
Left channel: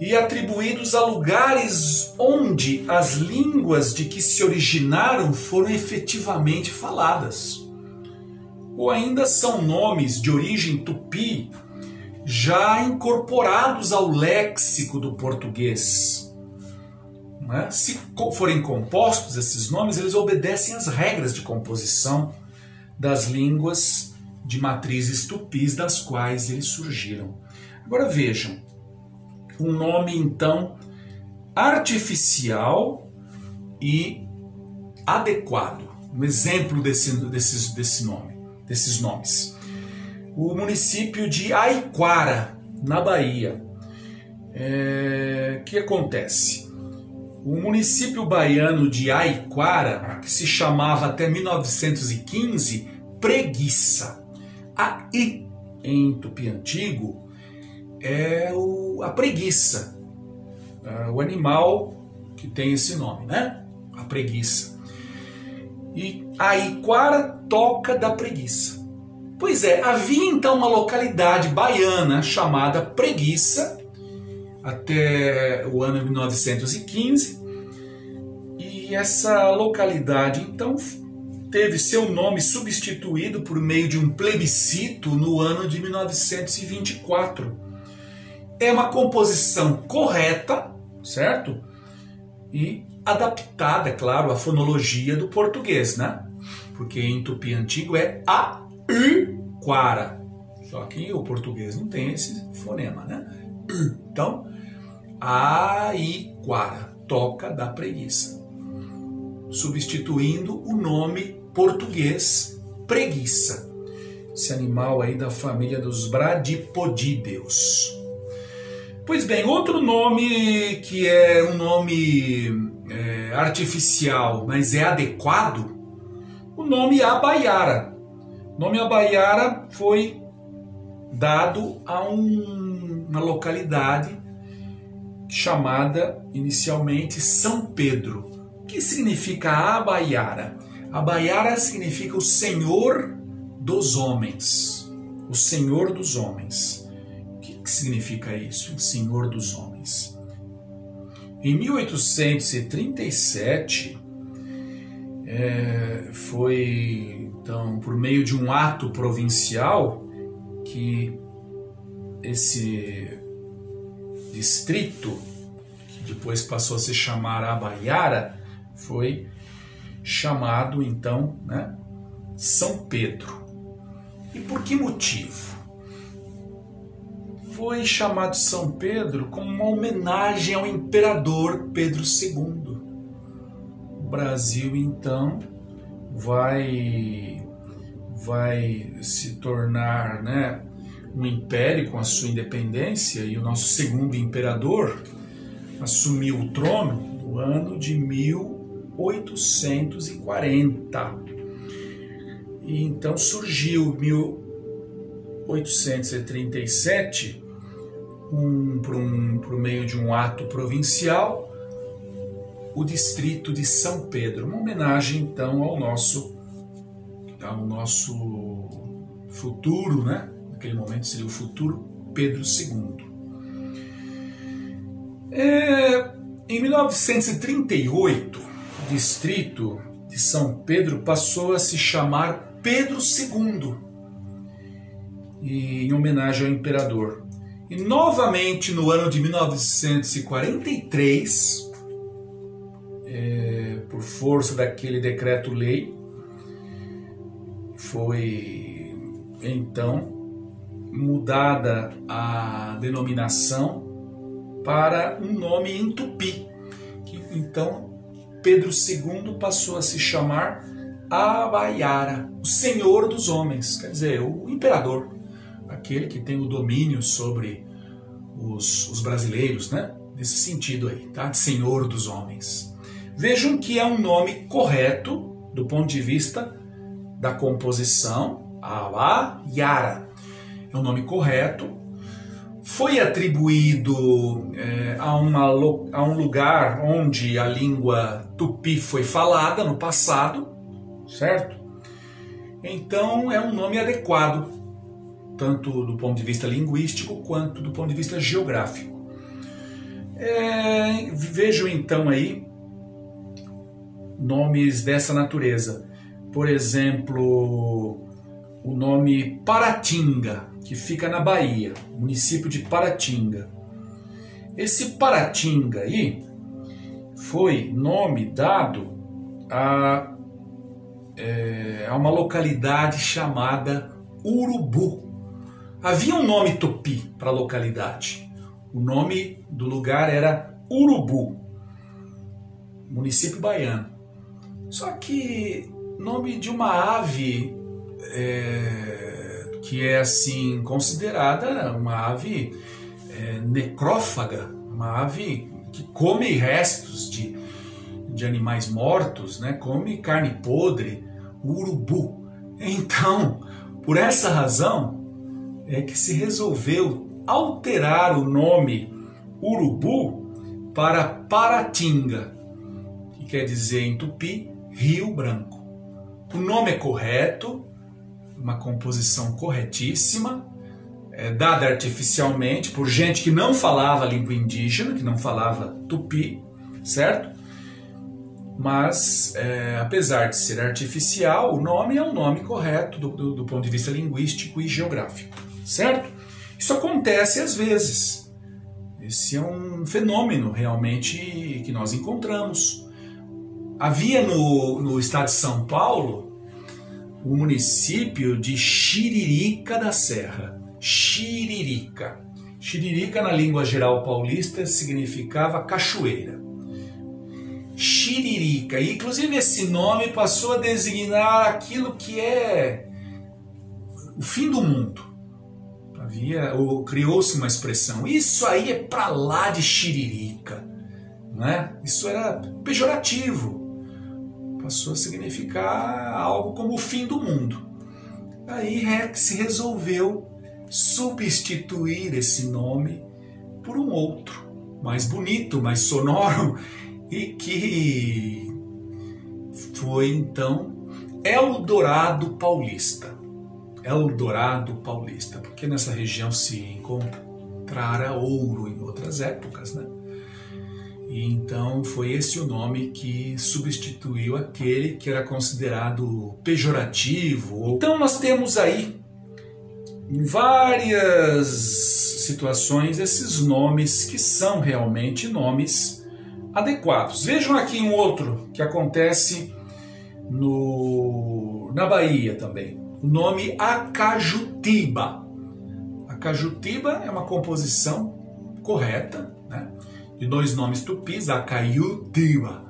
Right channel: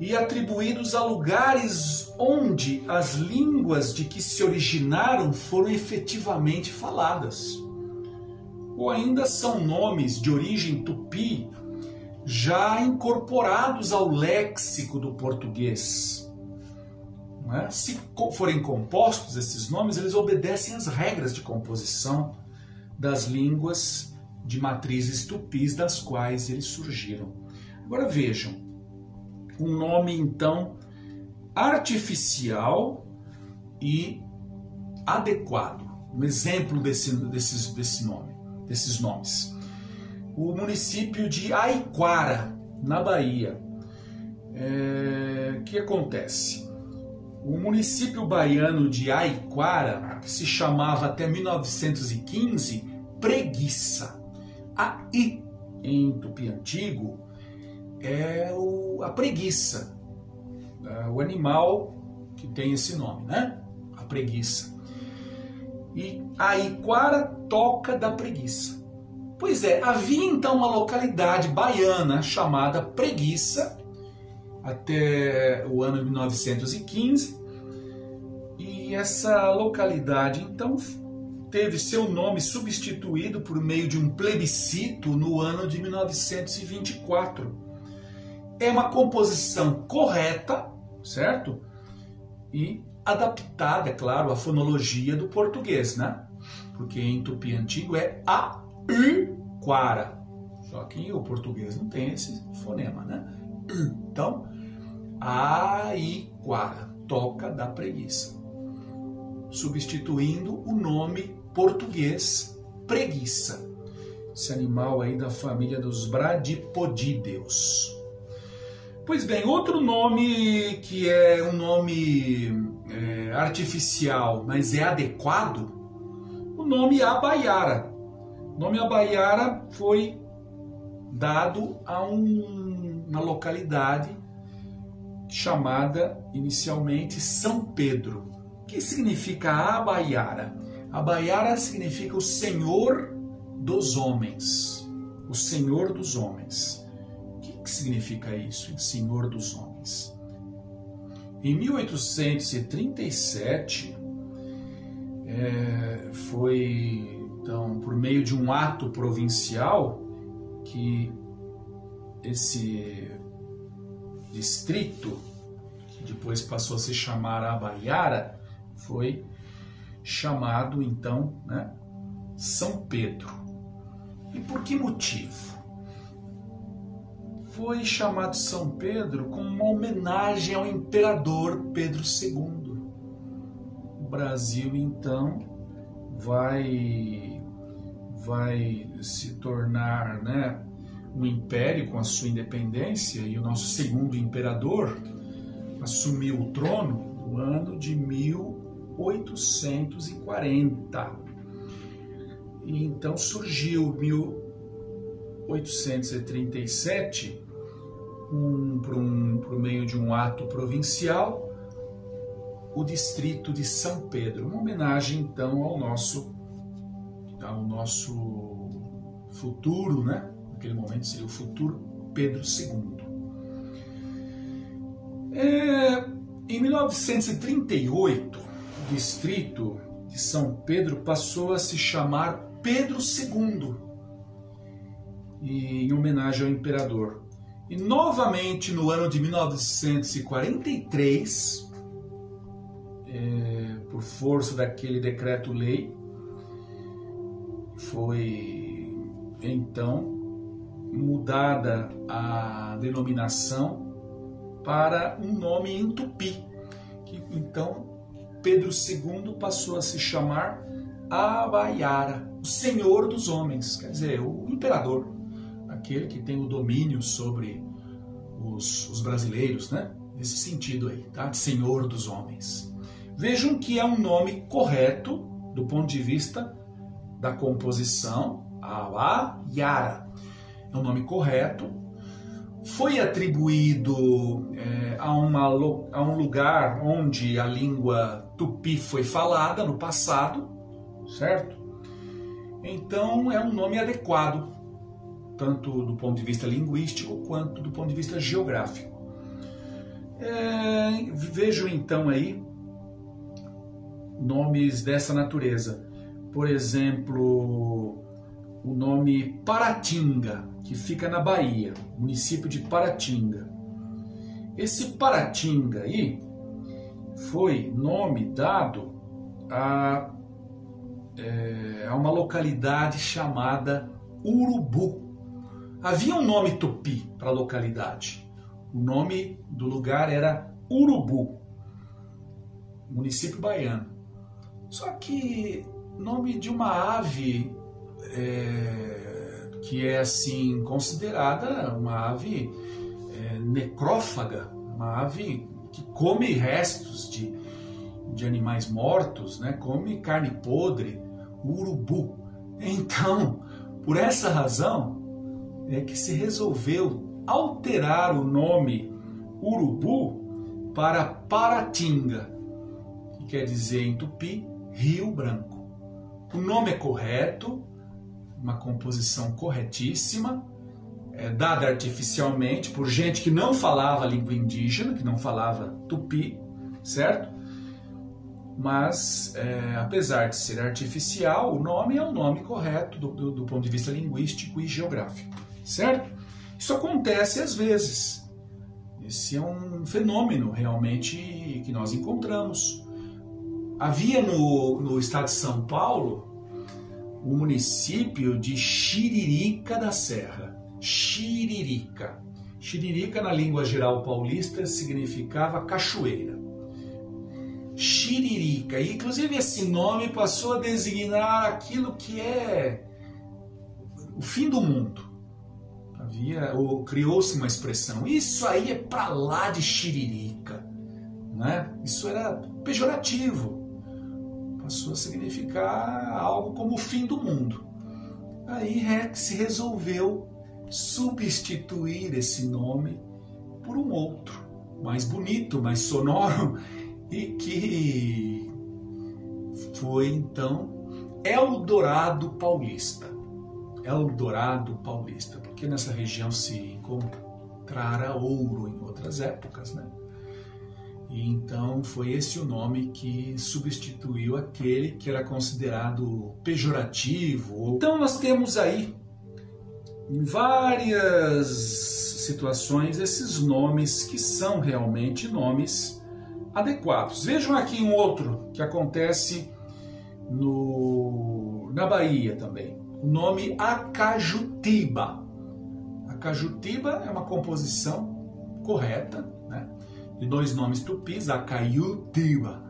e atribuídos a lugares onde as línguas de que se originaram foram efetivamente faladas. Ou ainda são nomes de origem tupi já incorporados ao léxico do português. né, se forem compostos esses nomes, eles obedecem às regras de composição das línguas de matrizes tupis das quais eles surgiram. Agora vejam, um nome então artificial e adequado. Um exemplo desses nomes. O município de Aiquara, na Bahia. O que acontece? O município baiano de Aiquara, que se chamava até 1915 Preguiça. A I, em tupi antigo, é a preguiça, o animal que tem esse nome, né? A preguiça. E Aiquara, toca da preguiça. Pois é, havia então uma localidade baiana chamada Preguiça, até o ano 1915, e essa localidade então teve seu nome substituído por meio de um plebiscito no ano de 1924. É uma composição correta, certo? E adaptada, é claro, à fonologia do português, né? Porque em tupi antigo é Aiquara. Só que o português não tem esse fonema, né? Então, Aiquara, toca da preguiça, substituindo o nome português preguiça, esse animal aí da família dos bradipodídeos. Pois bem, outro nome que é um nome artificial, mas é adequado, o nome Abaiara. O nome Abaiara foi dado a uma localidade chamada inicialmente São Pedro. O que significa Abaiara? Abaiara significa o Senhor dos homens. O Senhor dos homens. O que significa isso, o Senhor dos homens? Em 1837, foi então por meio de um ato provincial que esse distrito, que depois passou a se chamar Abaiara, foi chamado então, né, São Pedro. E por que motivo? Foi chamado São Pedro como uma homenagem ao imperador Pedro II. O Brasil então vai se tornar, né, um império com a sua independência, e o nosso segundo imperador assumiu o trono no ano de 1840. E então surgiu em 1837, por meio de um ato provincial, o distrito de São Pedro, uma homenagem então ao nosso futuro, né? Naquele momento seria o futuro Pedro II. Em 1938, o distrito de São Pedro passou a se chamar Pedro II, em homenagem ao imperador. E novamente no ano de 1943, por força daquele decreto-lei, foi então mudada a denominação para um nome em tupi, que então Pedro II passou a se chamar Abaiara, o Senhor dos homens, quer dizer, o imperador, aquele que tem o domínio sobre os brasileiros, né? Nesse sentido aí, tá? Senhor dos homens. Vejam que é um nome correto do ponto de vista da composição, Abaiara. É um nome correto. Foi atribuído a um lugar onde a língua tupi foi falada no passado, certo? Então é um nome adequado, tanto do ponto de vista linguístico quanto do ponto de vista geográfico. Vejam então aí nomes dessa natureza. Por exemplo, o nome Paratinga, que fica na Bahia, município de Paratinga. Esse Paratinga aí foi nome dado a uma localidade chamada Urubu. Havia um nome tupi para a localidade. O nome do lugar era Urubu, município baiano. Só que nome de uma ave que é assim considerada uma ave necrófaga, uma ave que come restos de animais mortos, né? Come carne podre, urubu. Então, por essa razão é que se resolveu alterar o nome Urubu para Paratinga, que quer dizer em tupi Rio Branco. O nome é correto, uma composição corretíssima, dada artificialmente por gente que não falava língua indígena, que não falava tupi, certo? Mas, apesar de ser artificial, o nome é um nome correto do ponto de vista linguístico e geográfico, certo? Isso acontece às vezes. Esse é um fenômeno realmente que nós encontramos. Havia no estado de São Paulo o município de Xiririca da Serra. Xiririca. Xiririca, na língua geral paulista, significava cachoeira. Xiririca. E, inclusive, esse nome passou a designar aquilo que é o fim do mundo. Criou-se uma expressão. Isso aí é pra lá de Xiririca. Né? Isso era pejorativo. Passou a significar algo como o fim do mundo. Aí se resolveu substituir esse nome por um outro, mais bonito, mais sonoro, e que foi então Eldorado Paulista. Eldorado Paulista, porque nessa região se encontrara ouro em outras épocas, né? E então foi esse o nome que substituiu aquele que era considerado pejorativo. Então nós temos aí, em várias situações, esses nomes que são realmente nomes adequados. Vejam aqui um outro que acontece na Bahia também. O nome Acajutiba. Acajutiba é uma composição correta, né? De dois nomes tupis, Acaiutiba,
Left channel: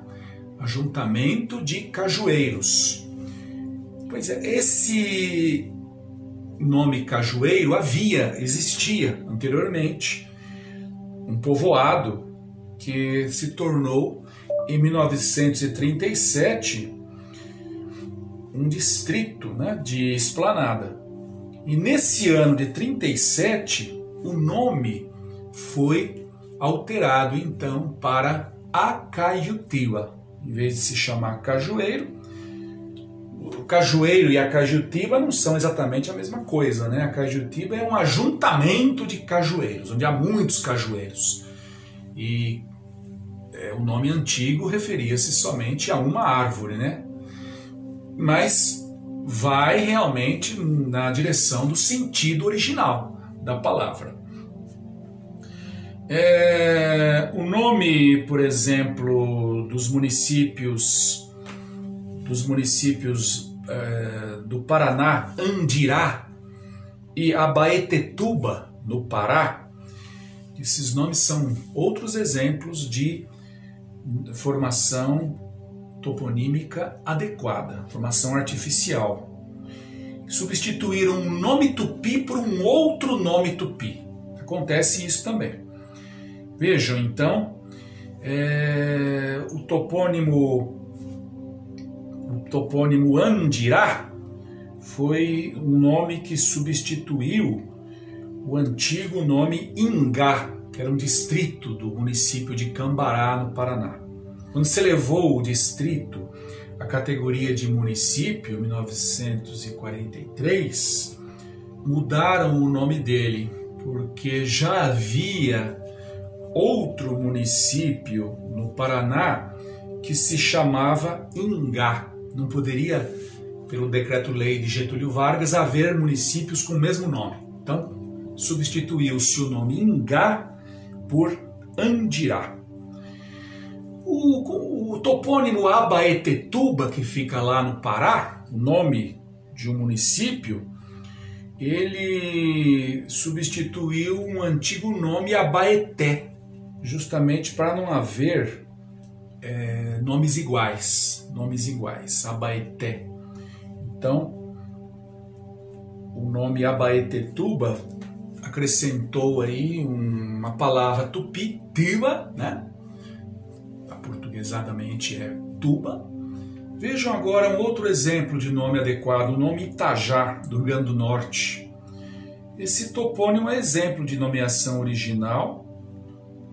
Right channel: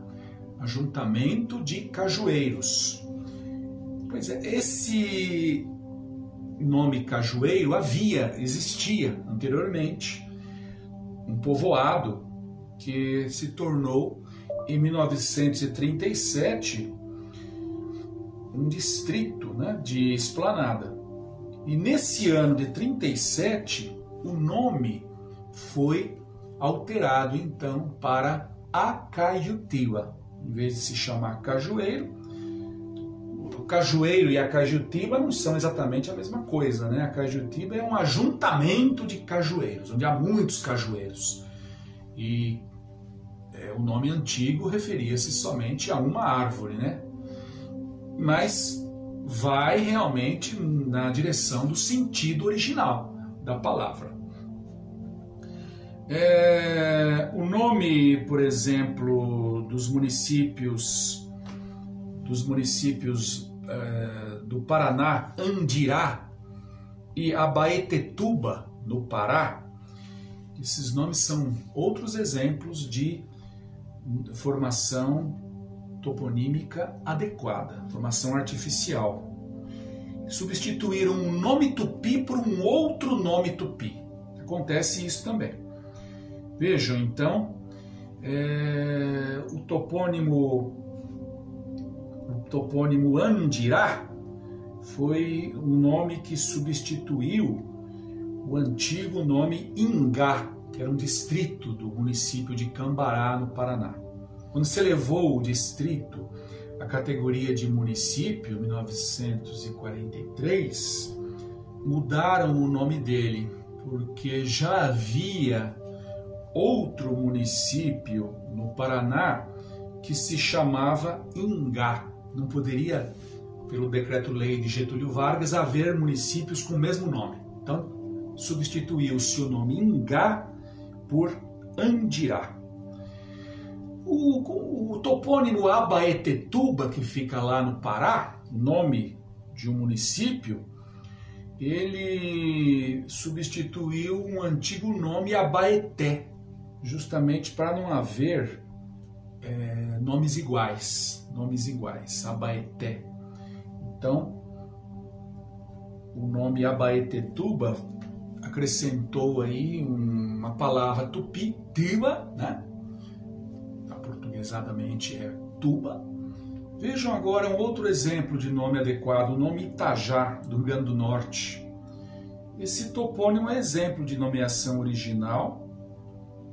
ajuntamento de cajueiros. Pois é, esse nome cajueiro existia anteriormente um povoado que se tornou, em 1937, um distrito, né, de Esplanada. E nesse ano de 37, o nome foi alterado então para Acaiutiba. Em vez de se chamar cajueiro, o cajueiro e a Acajutiba não são exatamente a mesma coisa, né? A Acajutiba é um ajuntamento de cajueiros, onde há muitos cajueiros. E o nome antigo referia-se somente a uma árvore, né? Mas vai realmente na direção do sentido original da palavra. O nome, por exemplo, dos municípios do Paraná, Andirá e Abaetetuba, no Pará, esses nomes são outros exemplos de formação toponímica adequada, formação artificial. Substituíram um nome tupi por um outro nome tupi. Acontece isso também. Vejam, então, o topônimo Andirá foi um nome que substituiu o antigo nome Ingá, que era um distrito do município de Cambará, no Paraná. Quando se elevou o distrito à categoria de município, em 1943, mudaram o nome dele, porque já havia outro município no Paraná que se chamava Ingá. Não poderia, pelo decreto-lei de Getúlio Vargas, haver municípios com o mesmo nome. Então, substituiu-se o nome Ingá por Andirá. O topônimo Abaetetuba, que fica lá no Pará, o nome de um município, ele substituiu um antigo nome Abaeté, justamente para não haver nomes iguais, Abaeté. Então, o nome Abaetetuba acrescentou aí uma palavra tupi, tiba, né? Aportuguesadamente é tuba. Vejam agora um outro exemplo de nome adequado, o nome Itajá, do Rio Grande do Norte. Esse topônimo é exemplo de nomeação original,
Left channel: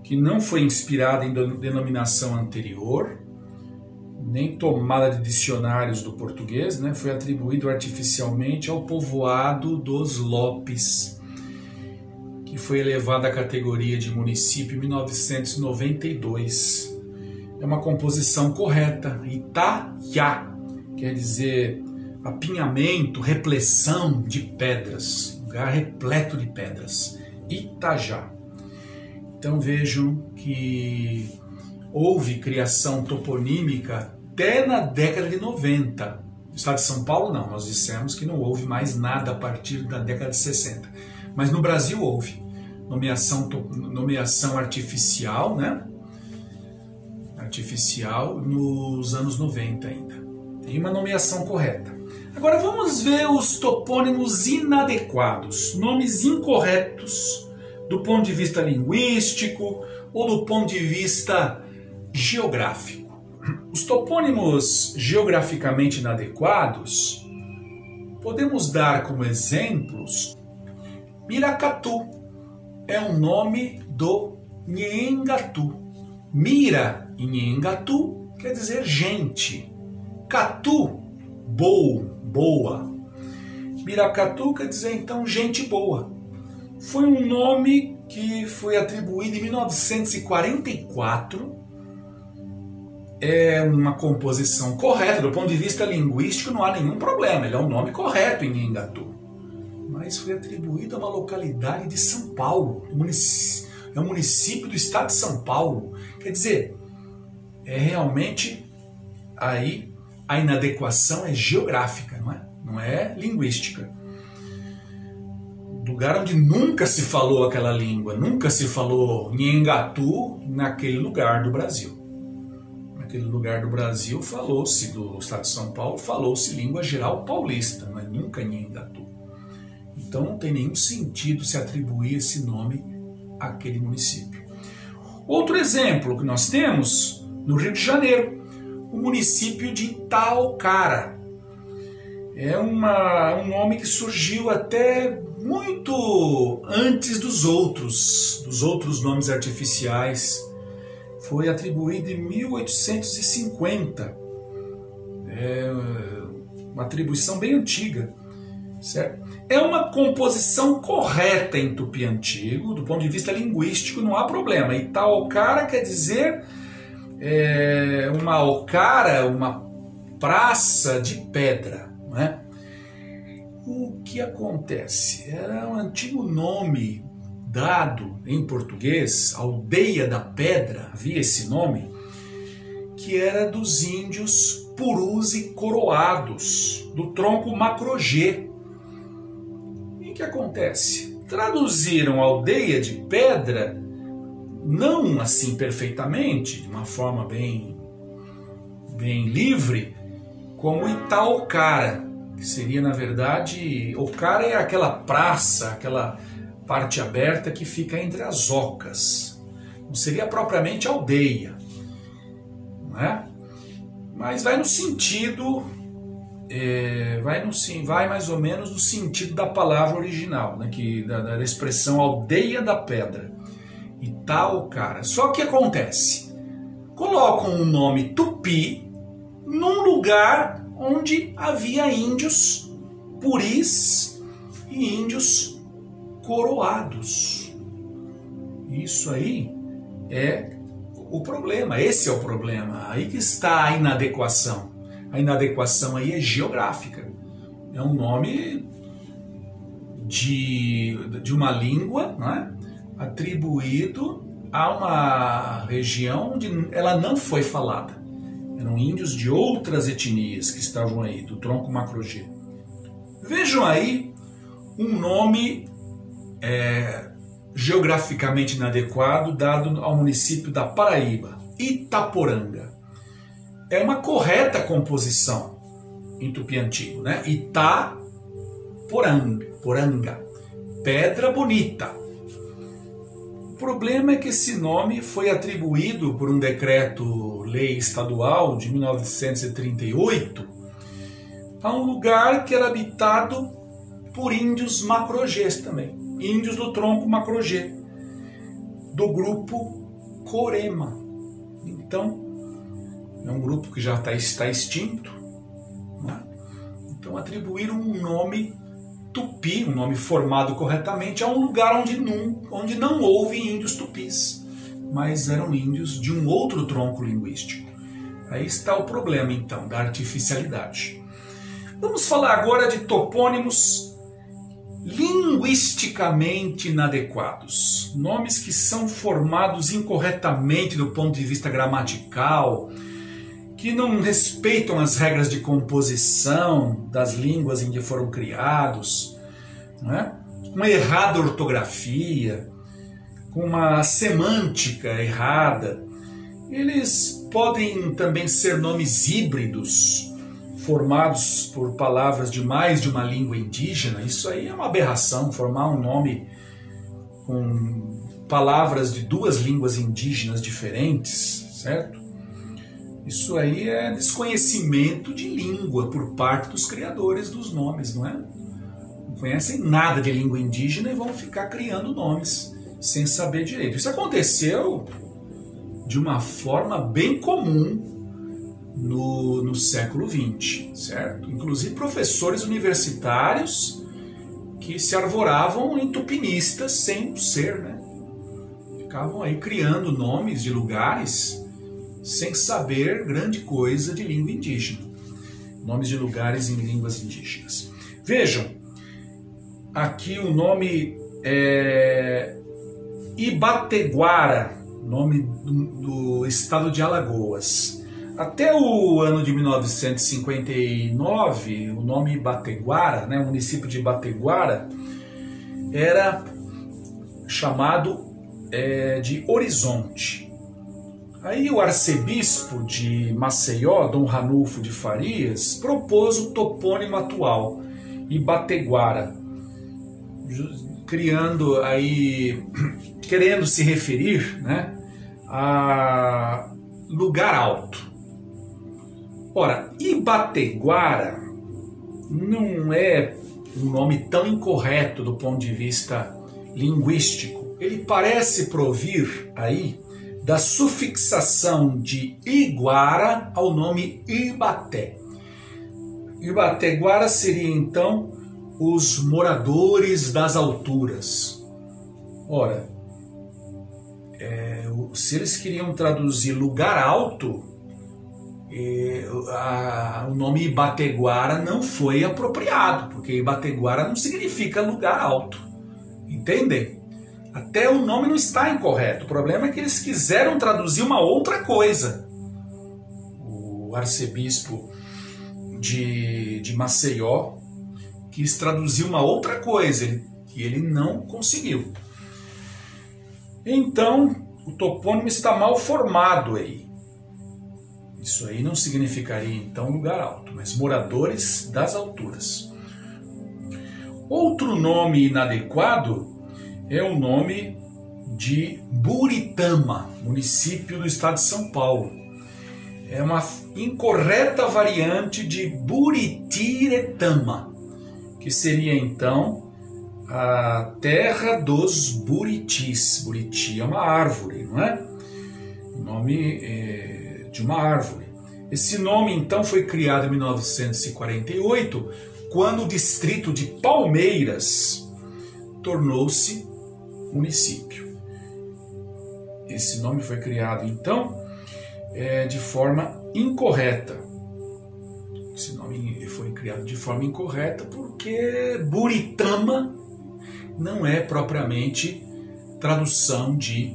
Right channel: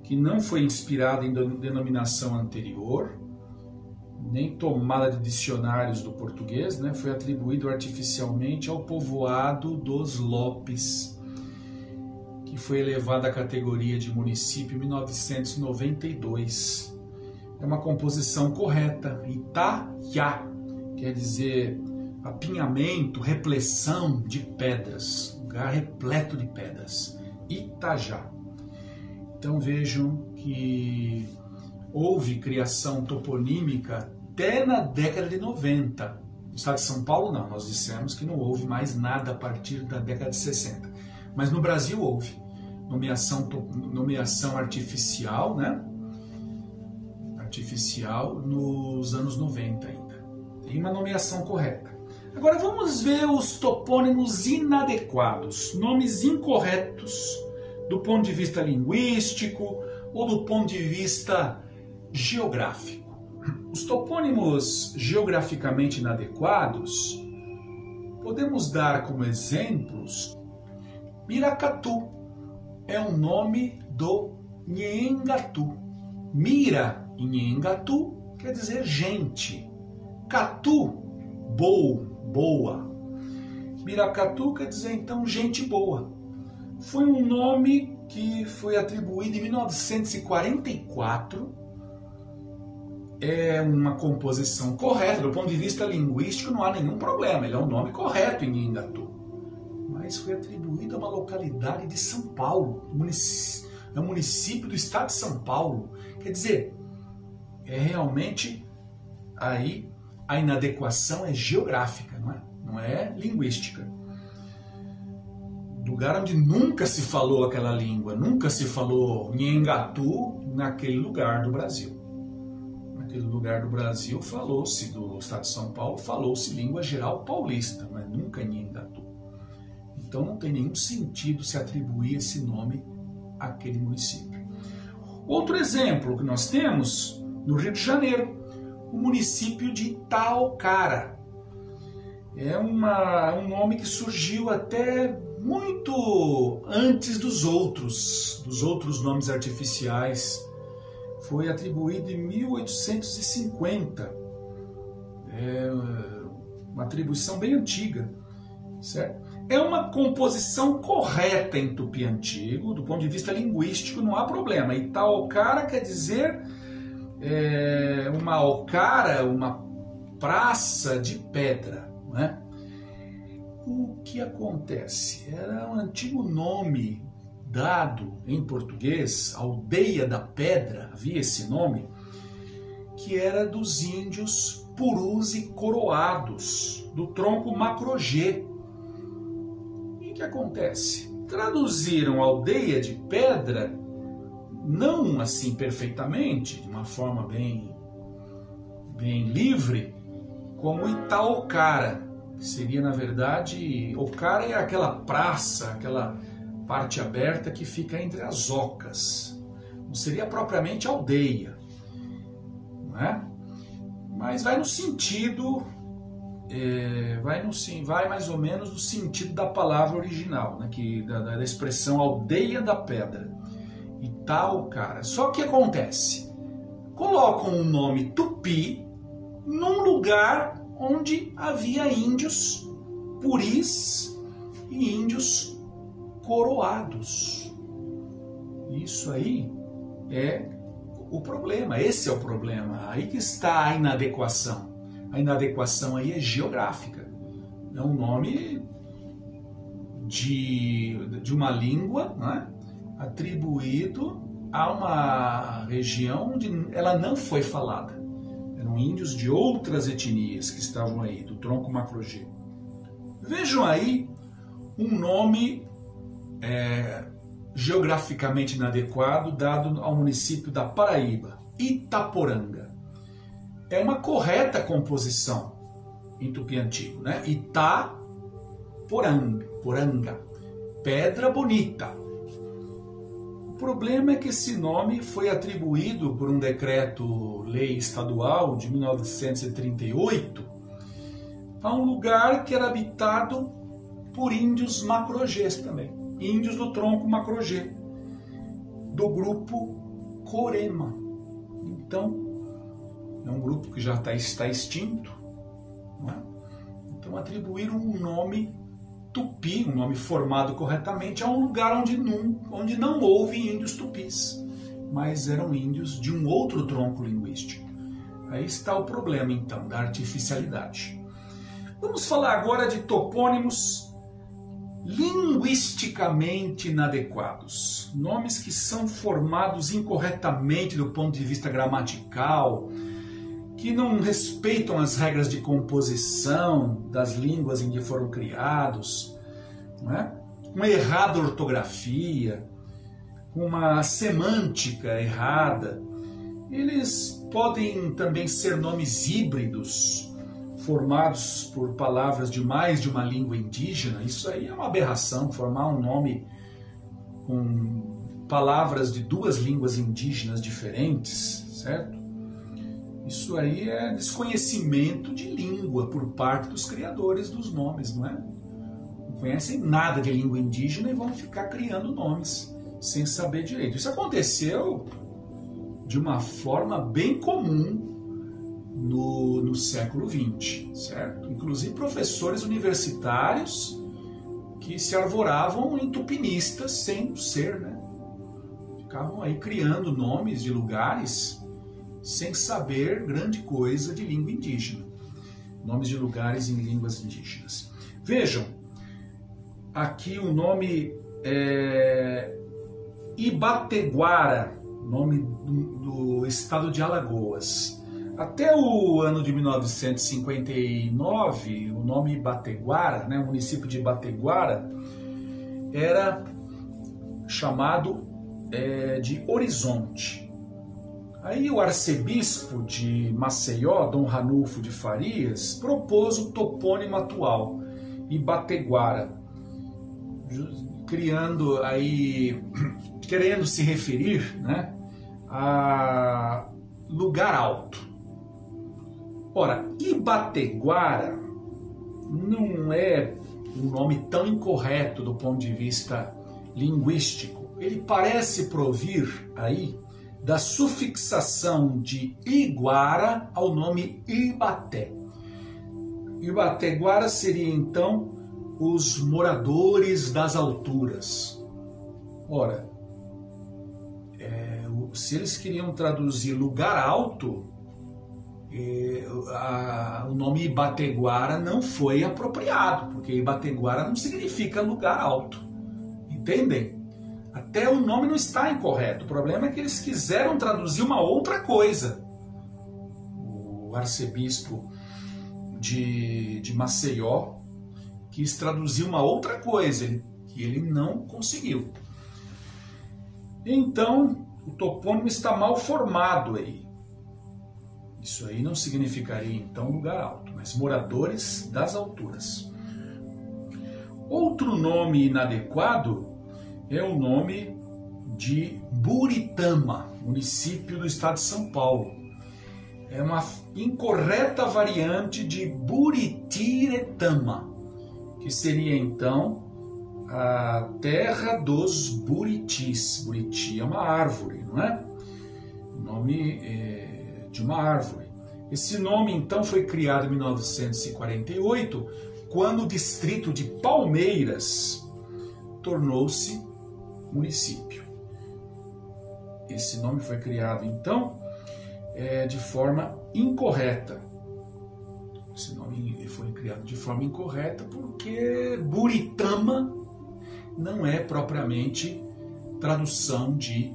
que não foi inspirada em denominação anterior, nem tomada de dicionários do português, né? Foi atribuído artificialmente ao povoado dos Lopes, que foi elevado à categoria de município em 1992. É uma composição correta, Itaiá, quer dizer apinhamento, repleção de pedras, lugar repleto de pedras, Itajá. Então vejam que houve criação toponímica até na década de 90. No estado de São Paulo não, nós dissemos que não houve mais nada a partir da década de 60. Mas no Brasil houve nomeação artificial, né? Artificial nos anos 90 ainda. Tem uma nomeação correta. Agora vamos ver os topônimos inadequados, nomes incorretos do ponto de vista linguístico ou do ponto de vista geográfico. Os topônimos geograficamente inadequados podemos dar como exemplos Miracatu, é um nome do Nhengatu. Mira em Nhengatu quer dizer gente. Catu, boa. Miracatu quer dizer então gente boa. Foi um nome que foi atribuído em 1944. É uma composição correta, do ponto de vista linguístico não há nenhum problema, ele é um nome correto em Nhengatu. Mas foi atribuído a uma localidade de São Paulo, é um município do estado de São Paulo. Quer dizer, realmente aí a inadequação é geográfica, não é linguística. Lugar onde nunca se falou aquela língua, nunca se falou Nhengatu naquele lugar do Brasil. Naquele lugar do Brasil falou-se, do estado de São Paulo, falou-se língua geral paulista, mas nunca Nhengatu. Então não tem nenhum sentido se atribuir esse nome àquele município. Outro exemplo que nós temos no Rio de Janeiro, o município de Itaocara. É um nome que surgiu até muito antes dos outros nomes artificiais. Foi atribuído em 1850. É uma atribuição bem antiga, certo? É uma composição correta em tupi antigo, do ponto de vista linguístico não há problema. Itaocara quer dizer uma ocara, uma praça de pedra, né? O que acontece? Era um antigo nome dado em português, Aldeia da Pedra, havia esse nome, que era dos índios purus e coroados, do tronco macrogê. E o que acontece? Traduziram Aldeia de Pedra, não assim perfeitamente, de uma forma bem livre, como Itaocara, que seria, na verdade, Ocara é aquela praça, aquela parte aberta que fica entre as ocas. Não seria propriamente aldeia, não é? Mas vai no sentido, vai mais ou menos no sentido da palavra original, né? Da expressão Aldeia da Pedra, Itaocara. Só que acontece, colocam um nome tupi num lugar onde havia índios puris e índios coroados. Isso aí é o problema, esse é o problema, aí que está a inadequação. A inadequação aí é geográfica, é um nome de uma língua, não é? Atribuído há uma região onde ela não foi falada. Eram índios de outras etnias que estavam aí, do tronco Macro-G. Vejam aí um nome geograficamente inadequado dado ao município da Paraíba, Itaporanga. É uma correta composição em tupi antigo, né? Itaporanga, pedra bonita. O problema é que esse nome foi atribuído por um decreto-lei estadual de 1938 a um lugar que era habitado por índios Macro-Gês também, índios do tronco Macro-G, do grupo Corema. Então, é um grupo que já está extinto, né? Então atribuíram um nome tupi, um nome formado corretamente, a um lugar onde não houve índios tupis, mas eram índios de um outro tronco linguístico. Aí está o problema, então, da artificialidade. Vamos falar agora de topônimos linguisticamente inadequados. Nomes que são formados incorretamente do ponto de vista gramatical, que não respeitam as regras de composição das línguas em que foram criados, né? Uma errada ortografia, uma semântica errada. Eles podem também ser nomes híbridos, formados por palavras de mais de uma língua indígena. Isso aí é uma aberração, formar um nome com palavras de duas línguas indígenas diferentes, certo? Isso aí é desconhecimento de língua por parte dos criadores dos nomes, não é? Não conhecem nada de língua indígena e vão ficar criando nomes sem saber direito. Isso aconteceu de uma forma bem comum no século XX, certo? Inclusive professores universitários que se arvoravam em tupinistas sem ser, né? Ficavam aí criando nomes de lugares sem saber grande coisa de língua indígena. Nomes de lugares em línguas indígenas. Vejam, aqui o nome é Ibateguara, nome do estado de Alagoas. Até o ano de 1959, o nome Ibateguara, né, o município de Ibateguara, era chamado de Horizonte. Aí o arcebispo de Maceió, Dom Ranulfo de Farias, propôs o topônimo atual, Ibateguara, criando aí, querendo se referir, né, a lugar alto. Ora, Ibateguara não é um nome tão incorreto do ponto de vista linguístico. Ele parece provir aí da sufixação de Iguara ao nome Ibaté. Ibateguara seria então os moradores das alturas. Ora, se eles queriam traduzir lugar alto, o nome Ibateguara não foi apropriado, porque Ibateguara não significa lugar alto. Entendem? Até o nome não está incorreto. O problema é que eles quiseram traduzir uma outra coisa. O arcebispo de Maceió quis traduzir uma outra coisa e ele não conseguiu. Então, o topônimo está mal formado aí. Isso aí não significaria, então, lugar alto, mas moradores das alturas. Outro nome inadequado é o nome de Buritama, município do estado de São Paulo. É uma incorreta variante de Buritiretama, que seria então a terra dos buritis. Buriti é uma árvore, não é? O nome de uma árvore. Esse nome então foi criado em 1948, quando o distrito de Palmeiras tornou-se município. Esse nome foi criado então de forma incorreta. Esse nome foi criado de forma incorreta porque Buritama não é propriamente tradução de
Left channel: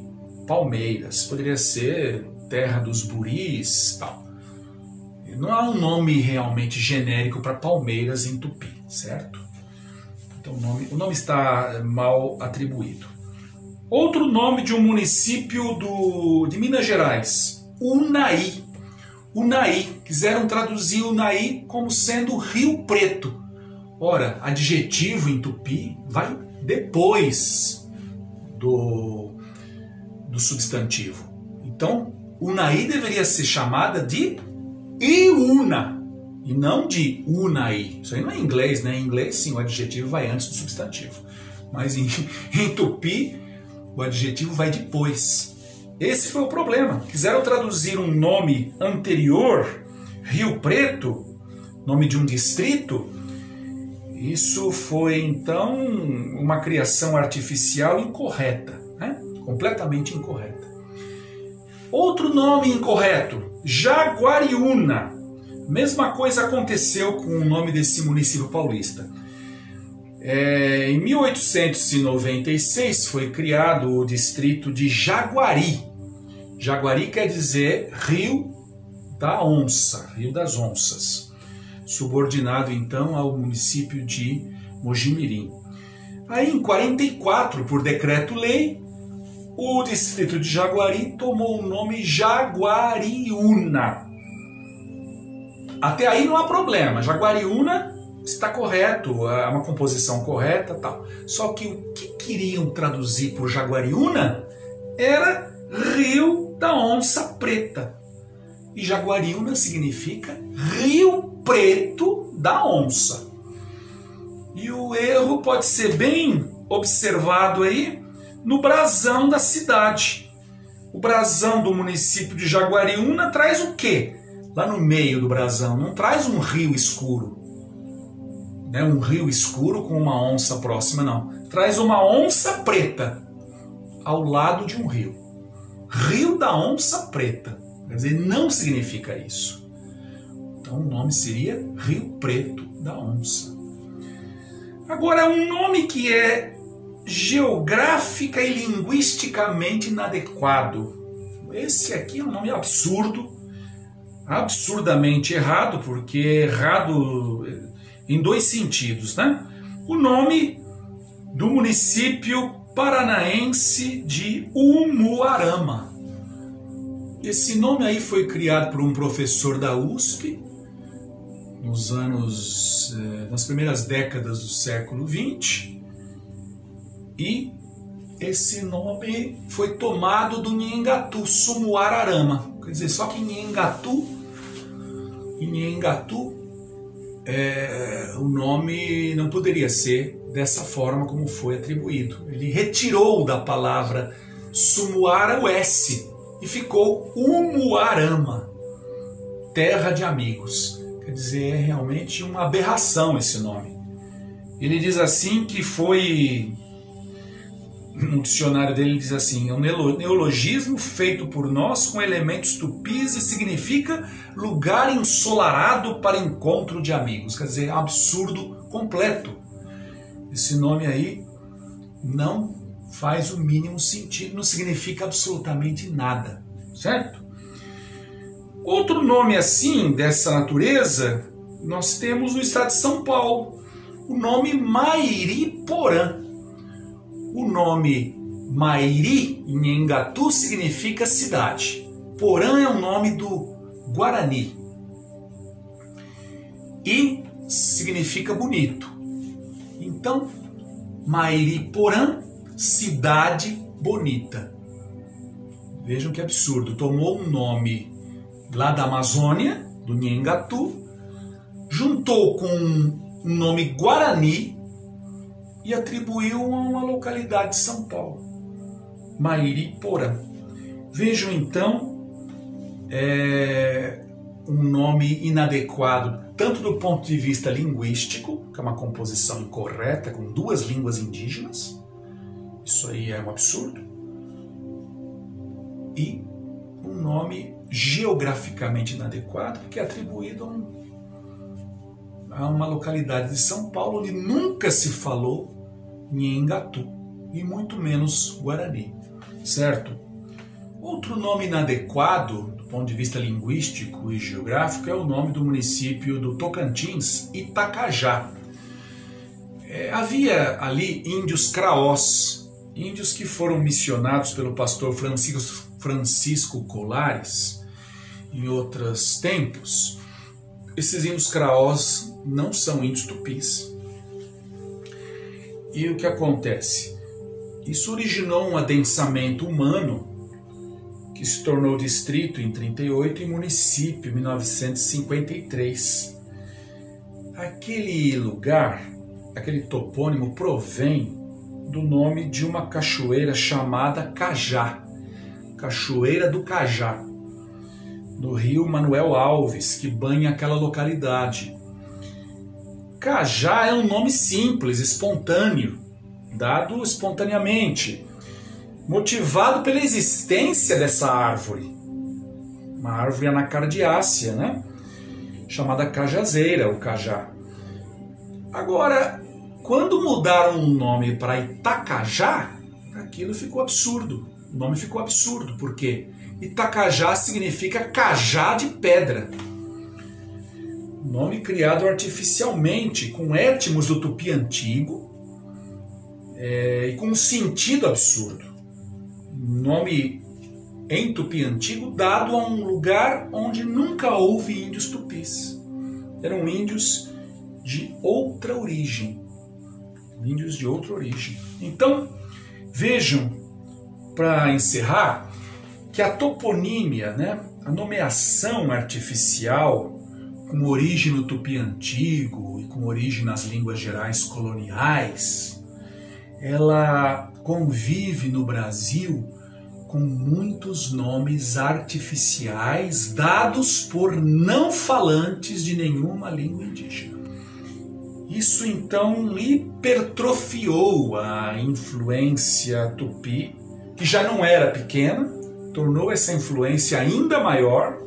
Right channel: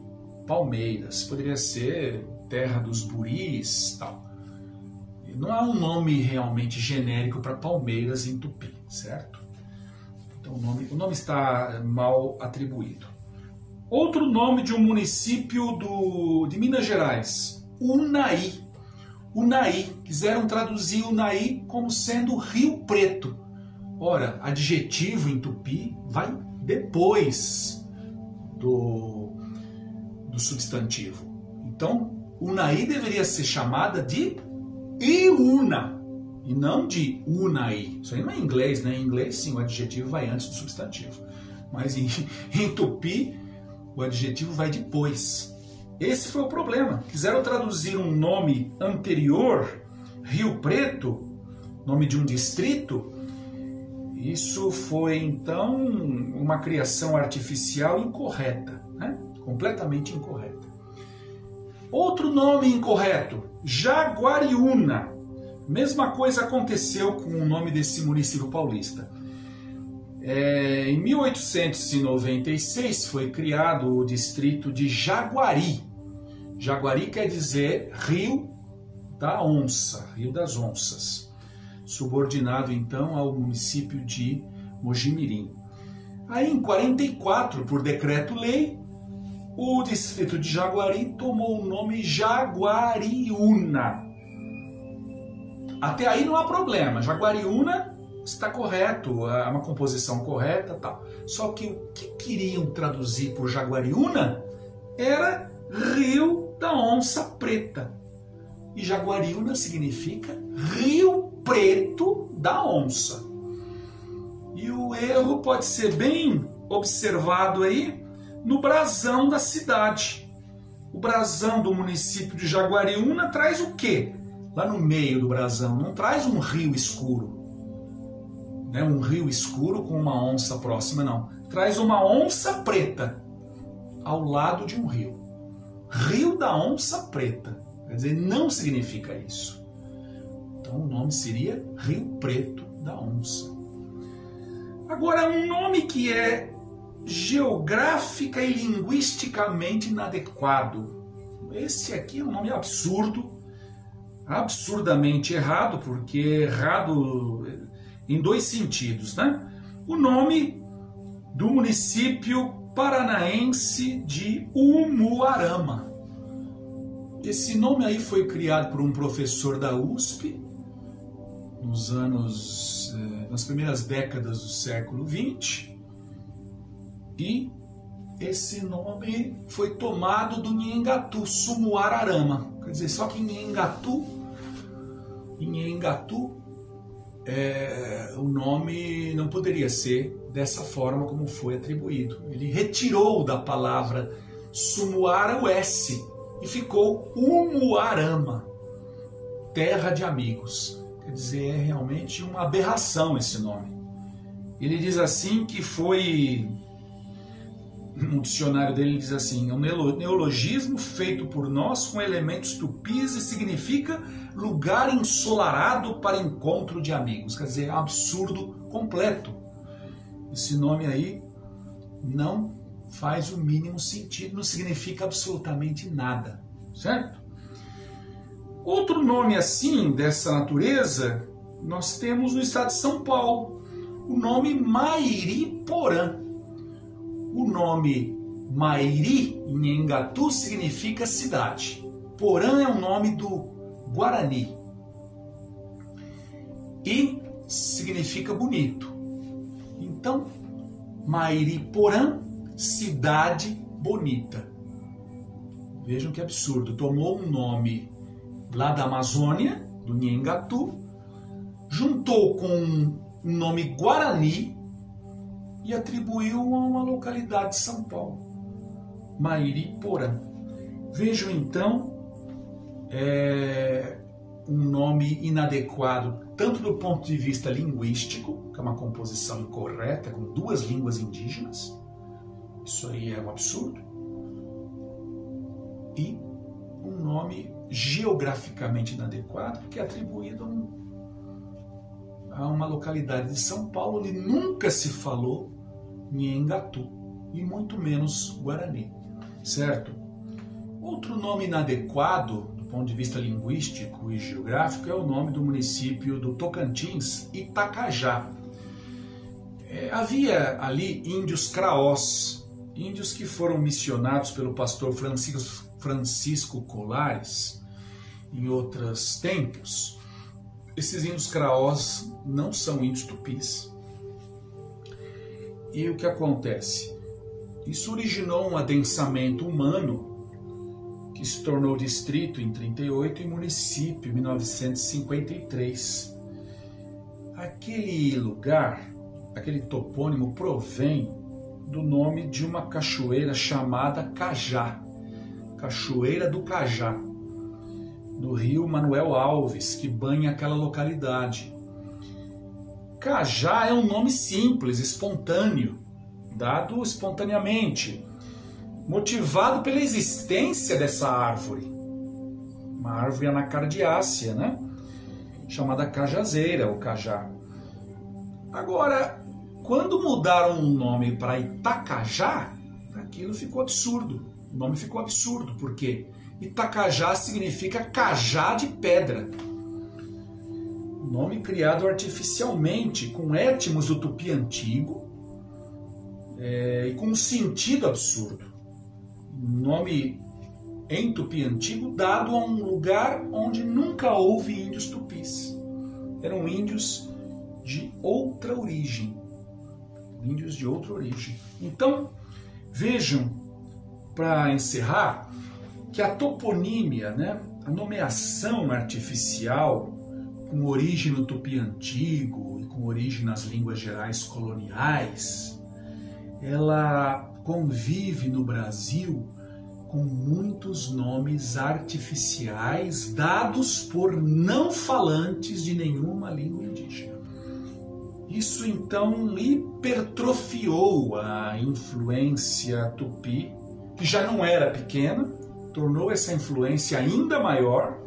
Palmeiras, poderia ser terra dos buris, tal. Não há um nome realmente genérico para Palmeiras em tupi, certo? Então o nome está mal atribuído. Outro nome de um município de Minas Gerais, Unai. Unai, quiseram traduzir Unai como sendo Rio Preto. Ora, adjetivo em tupi vai depois do substantivo. Então, Unai deveria ser chamada de Iuna e não de Unai. Isso aí não é inglês, né? Em inglês, sim, o adjetivo vai antes do substantivo. Mas em tupi, o adjetivo vai depois. Esse foi o problema. Quiseram traduzir um nome anterior, Rio Preto, nome de um distrito. Isso foi, então, uma criação artificial incorreta, né? Completamente incorreta. Outro nome incorreto, Jaguariúna. Mesma coisa aconteceu com o nome desse município paulista. Em 1896 foi criado o distrito de Jaguari. Jaguari quer dizer Rio da Onça, Rio das Onças, subordinado então ao município de Mojimirim. Aí em 44, por decreto-lei, o distrito de Jaguari tomou o nome Jaguariúna. Até aí não há problema, Jaguariúna está correto, é uma composição correta, tal. Só que o que queriam traduzir por Jaguariúna era Rio da Onça Preta. E Jaguariúna significa Rio Preto da Onça. E o erro pode ser bem observado aí no brasão da cidade. O brasão do município de Jaguariúna traz o quê? Lá no meio do brasão, não traz um rio escuro, né? Um rio escuro com uma onça próxima, não. Traz uma onça preta ao lado de um rio. Rio da Onça Preta. Quer dizer, não significa isso. Então o nome seria Rio Preto da Onça. Agora, um nome que é geográfica e linguisticamente inadequado. Esse aqui é um nome absurdo, absurdamente errado, porque é errado em dois sentidos, né? O nome do município paranaense de Umuarama. Esse nome aí foi criado por um professor da USP nas primeiras décadas do século XX, e esse nome foi tomado do Nhengatu, Sumuararama. Quer dizer, só que em Nhengatu o nome não poderia ser dessa forma como foi atribuído. Ele retirou da palavra Sumuara o S e ficou Umuarama, terra de amigos. Quer dizer, é realmente uma aberração esse nome. Ele diz assim que foi... No dicionário dele diz assim: é um neologismo feito por nós com elementos tupis e significa lugar ensolarado para encontro de amigos. Quer dizer, absurdo completo. Esse nome aí não faz o mínimo sentido, não significa absolutamente nada, certo? Outro nome assim, dessa natureza, nós temos no estado de São Paulo, o nome Mairiporã. O nome Mairi, em Nhengatu, significa cidade. Porã é o nome do Guarani e significa bonito. Então, Mairiporã, cidade bonita. Vejam que absurdo. Tomou um nome lá da Amazônia, do Nhengatu, juntou com um nome Guarani e atribuiu a uma localidade de São Paulo, Mairiporã. Vejam então um nome inadequado, tanto do ponto de vista linguístico, que é uma composição incorreta com duas línguas indígenas, isso aí é um absurdo, e um nome geograficamente inadequado, porque é atribuído a uma localidade de São Paulo onde nunca se falou Nhengatu, e muito menos Guarani, certo? Outro nome inadequado, do ponto de vista linguístico e geográfico, é o nome do município do Tocantins, Itacajá. Havia ali índios craós, índios que foram missionados pelo pastor Francisco Colares em outros tempos. Esses índios craós não são índios tupis. E o que acontece? Isso originou um adensamento humano que se tornou distrito em 38 e município em 1953. Aquele lugar, aquele topônimo provém do nome de uma cachoeira chamada Cajá, Cachoeira do Cajá, no rio Manuel Alves, que banha aquela localidade. Cajá é um nome simples, espontâneo, dado espontaneamente, motivado pela existência dessa árvore, uma árvore anacardiácea, né? Chamada cajazeira, ou cajá. Agora, quando mudaram o nome para Itacajá, aquilo ficou absurdo. O nome ficou absurdo, porque Itacajá significa cajá de pedra. Nome criado artificialmente, com étimos do tupi antigo e com um sentido absurdo. Nome em tupi antigo dado a um lugar onde nunca houve índios tupis. Eram índios de outra origem. Índios de outra origem. Então, vejam, para encerrar, que a toponímia, né, a nomeação artificial com origem no tupi antigo e com origem nas línguas gerais coloniais, ela convive no Brasil com muitos nomes artificiais dados por não falantes de nenhuma língua indígena. Isso então hipertrofiou a influência tupi, que já não era pequena, tornou essa influência ainda maior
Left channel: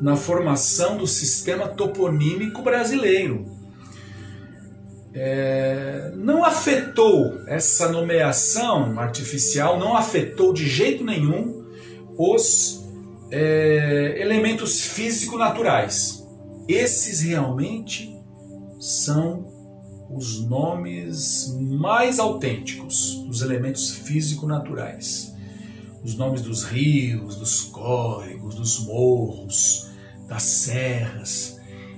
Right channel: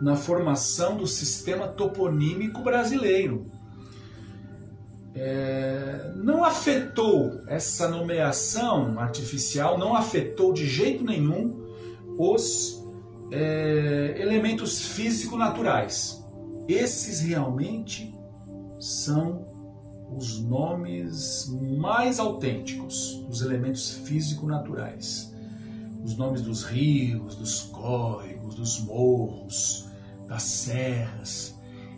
na formação do sistema toponímico brasileiro. Não afetou essa nomeação artificial, não afetou de jeito nenhum os elementos físico-naturais. Esses realmente são os nomes mais autênticos dos elementos físico-naturais. Os nomes dos rios, dos córregos, dos morros, das serras.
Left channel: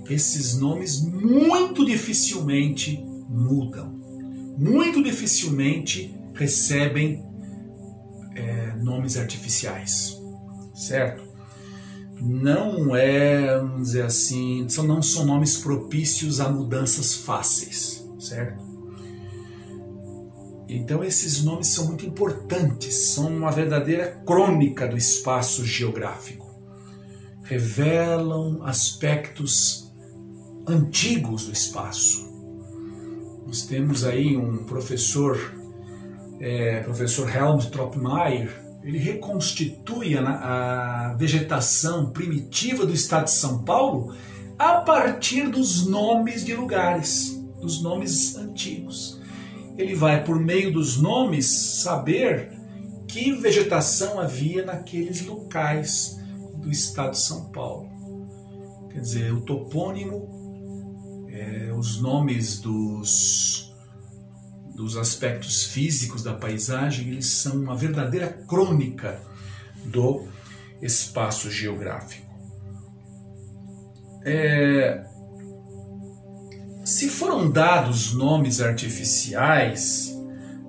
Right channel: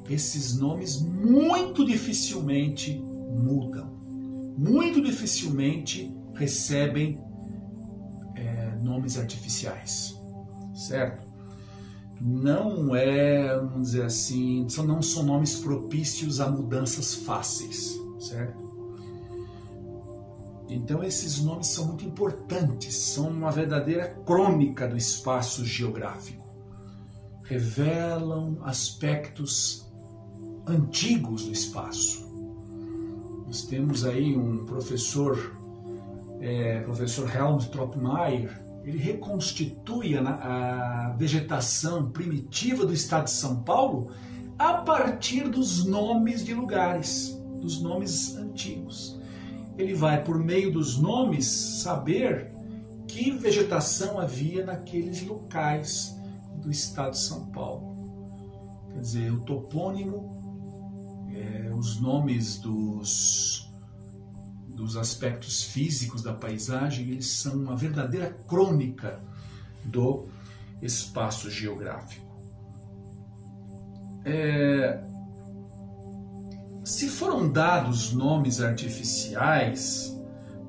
Esses nomes muito dificilmente mudam, muito dificilmente recebem nomes artificiais, certo? Não vamos dizer assim, não são nomes propícios a mudanças fáceis, certo? Então esses nomes são muito importantes, são uma verdadeira crônica do espaço geográfico. Revelam aspectos antigos do espaço. Nós temos aí um professor Helmut Tropmeier, ele reconstitui a vegetação primitiva do estado de São Paulo a partir dos nomes de lugares, dos nomes antigos. Ele vai, por meio dos nomes, saber que vegetação havia naqueles locais do estado de São Paulo. Quer dizer, o topônimo, os nomes dos aspectos físicos da paisagem, eles são uma verdadeira crônica do espaço geográfico. Se foram dados nomes artificiais,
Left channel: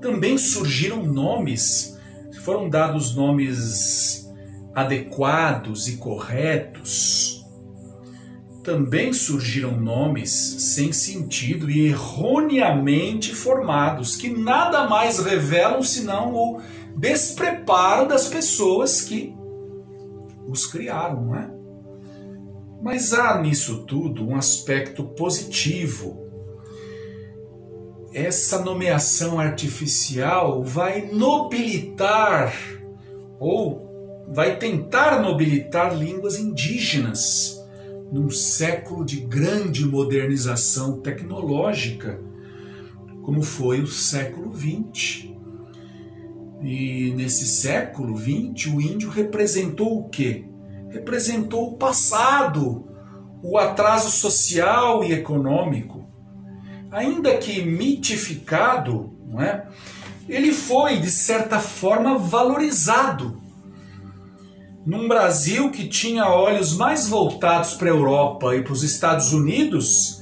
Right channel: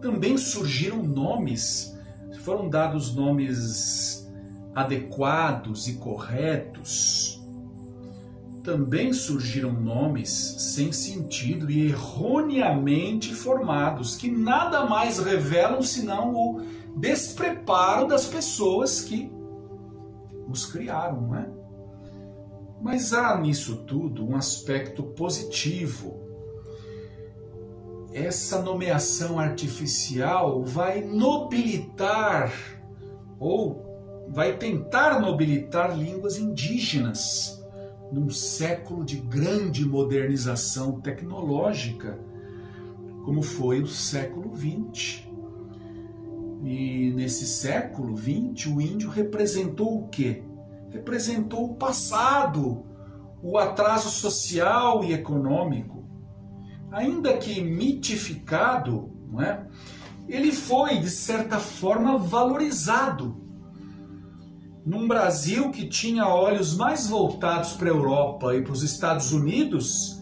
também surgiram nomes, se foram dados nomes adequados e corretos, também surgiram nomes sem sentido e erroneamente formados, que nada mais revelam senão o despreparo das pessoas que os criaram, não é? Mas há nisso tudo um aspecto positivo. Essa nomeação artificial vai nobilitar ou vai tentar nobilitar línguas indígenas num século de grande modernização tecnológica, como foi o século XX. E nesse século XX, o índio representou o quê? Representou o passado, o atraso social e econômico. Ainda que mitificado, não é? Ele foi, de certa forma, valorizado. Num Brasil que tinha olhos mais voltados para a Europa e para os Estados Unidos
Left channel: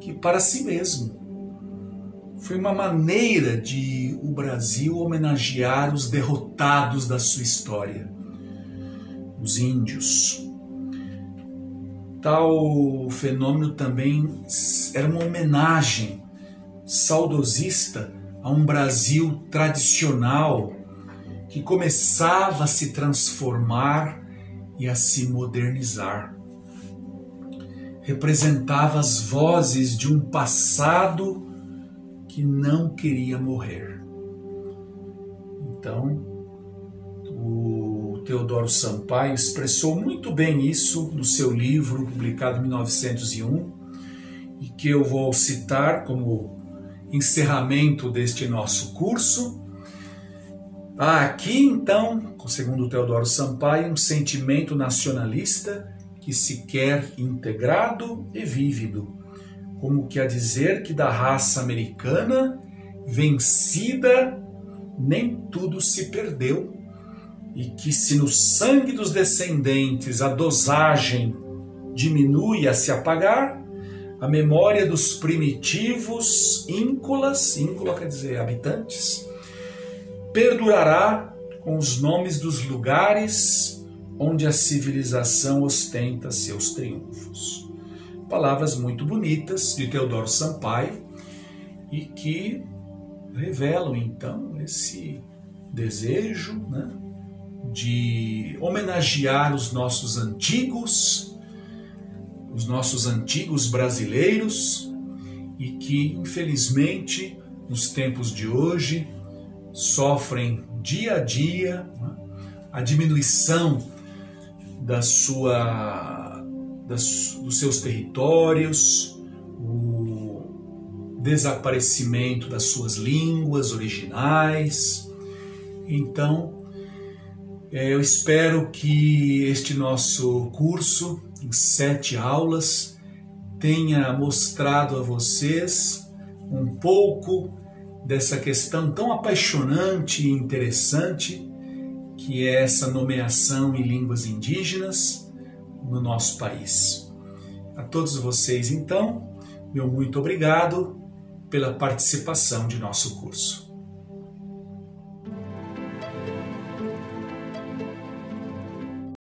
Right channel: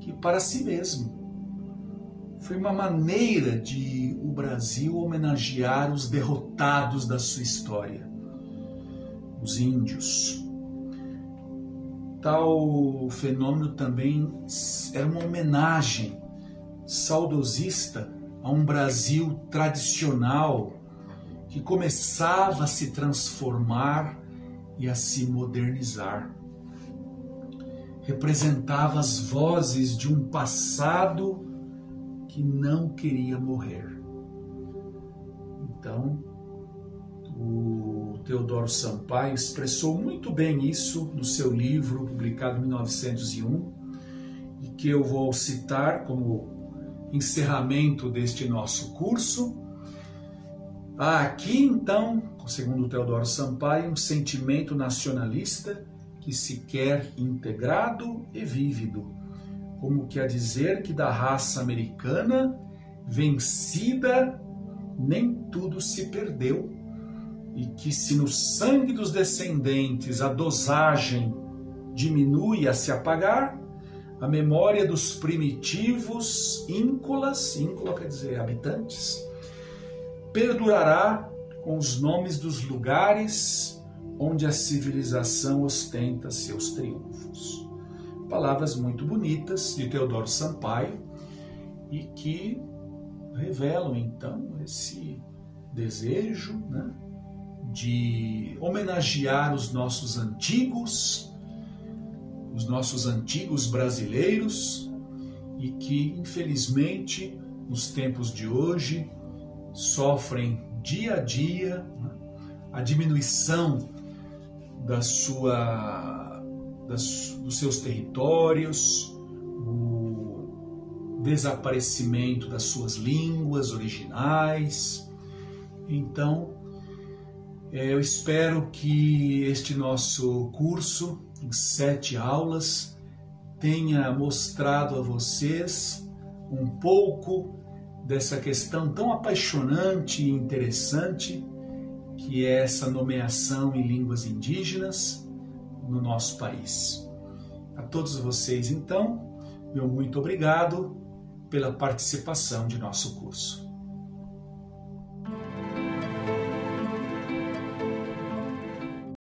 que para si mesmo. Foi uma maneira de o Brasil homenagear os derrotados da sua história, os índios. Tal fenômeno também era uma homenagem saudosista a um Brasil tradicional que começava a se transformar e a se modernizar. Representava as vozes de um passado que não queria morrer. Então, o Teodoro Sampaio expressou muito bem isso no seu livro, publicado em 1901, e que eu vou citar como encerramento deste nosso curso. Há aqui, então, segundo Teodoro Sampaio, um sentimento nacionalista que se quer integrado e vívido, como quer dizer que da raça americana, vencida, nem tudo se perdeu, e que se no sangue dos descendentes a dosagem diminui a se apagar, a memória dos primitivos íncolas, íncola quer dizer habitantes, perdurará com os nomes dos lugares onde a civilização ostenta seus triunfos. Palavras muito bonitas de Teodoro Sampaio e que revelam então esse desejo, né, de homenagear os nossos antigos brasileiros e que infelizmente nos tempos de hoje sofrem dia a dia, né, a diminuição dos seus territórios, o desaparecimento das suas línguas originais. Então, eu espero que este nosso curso, em 7 aulas, tenha mostrado a vocês um pouco dessa questão tão apaixonante e interessante que é essa nomeação em línguas indígenas no nosso país. A todos vocês, então, meu muito obrigado pela participação de nosso curso.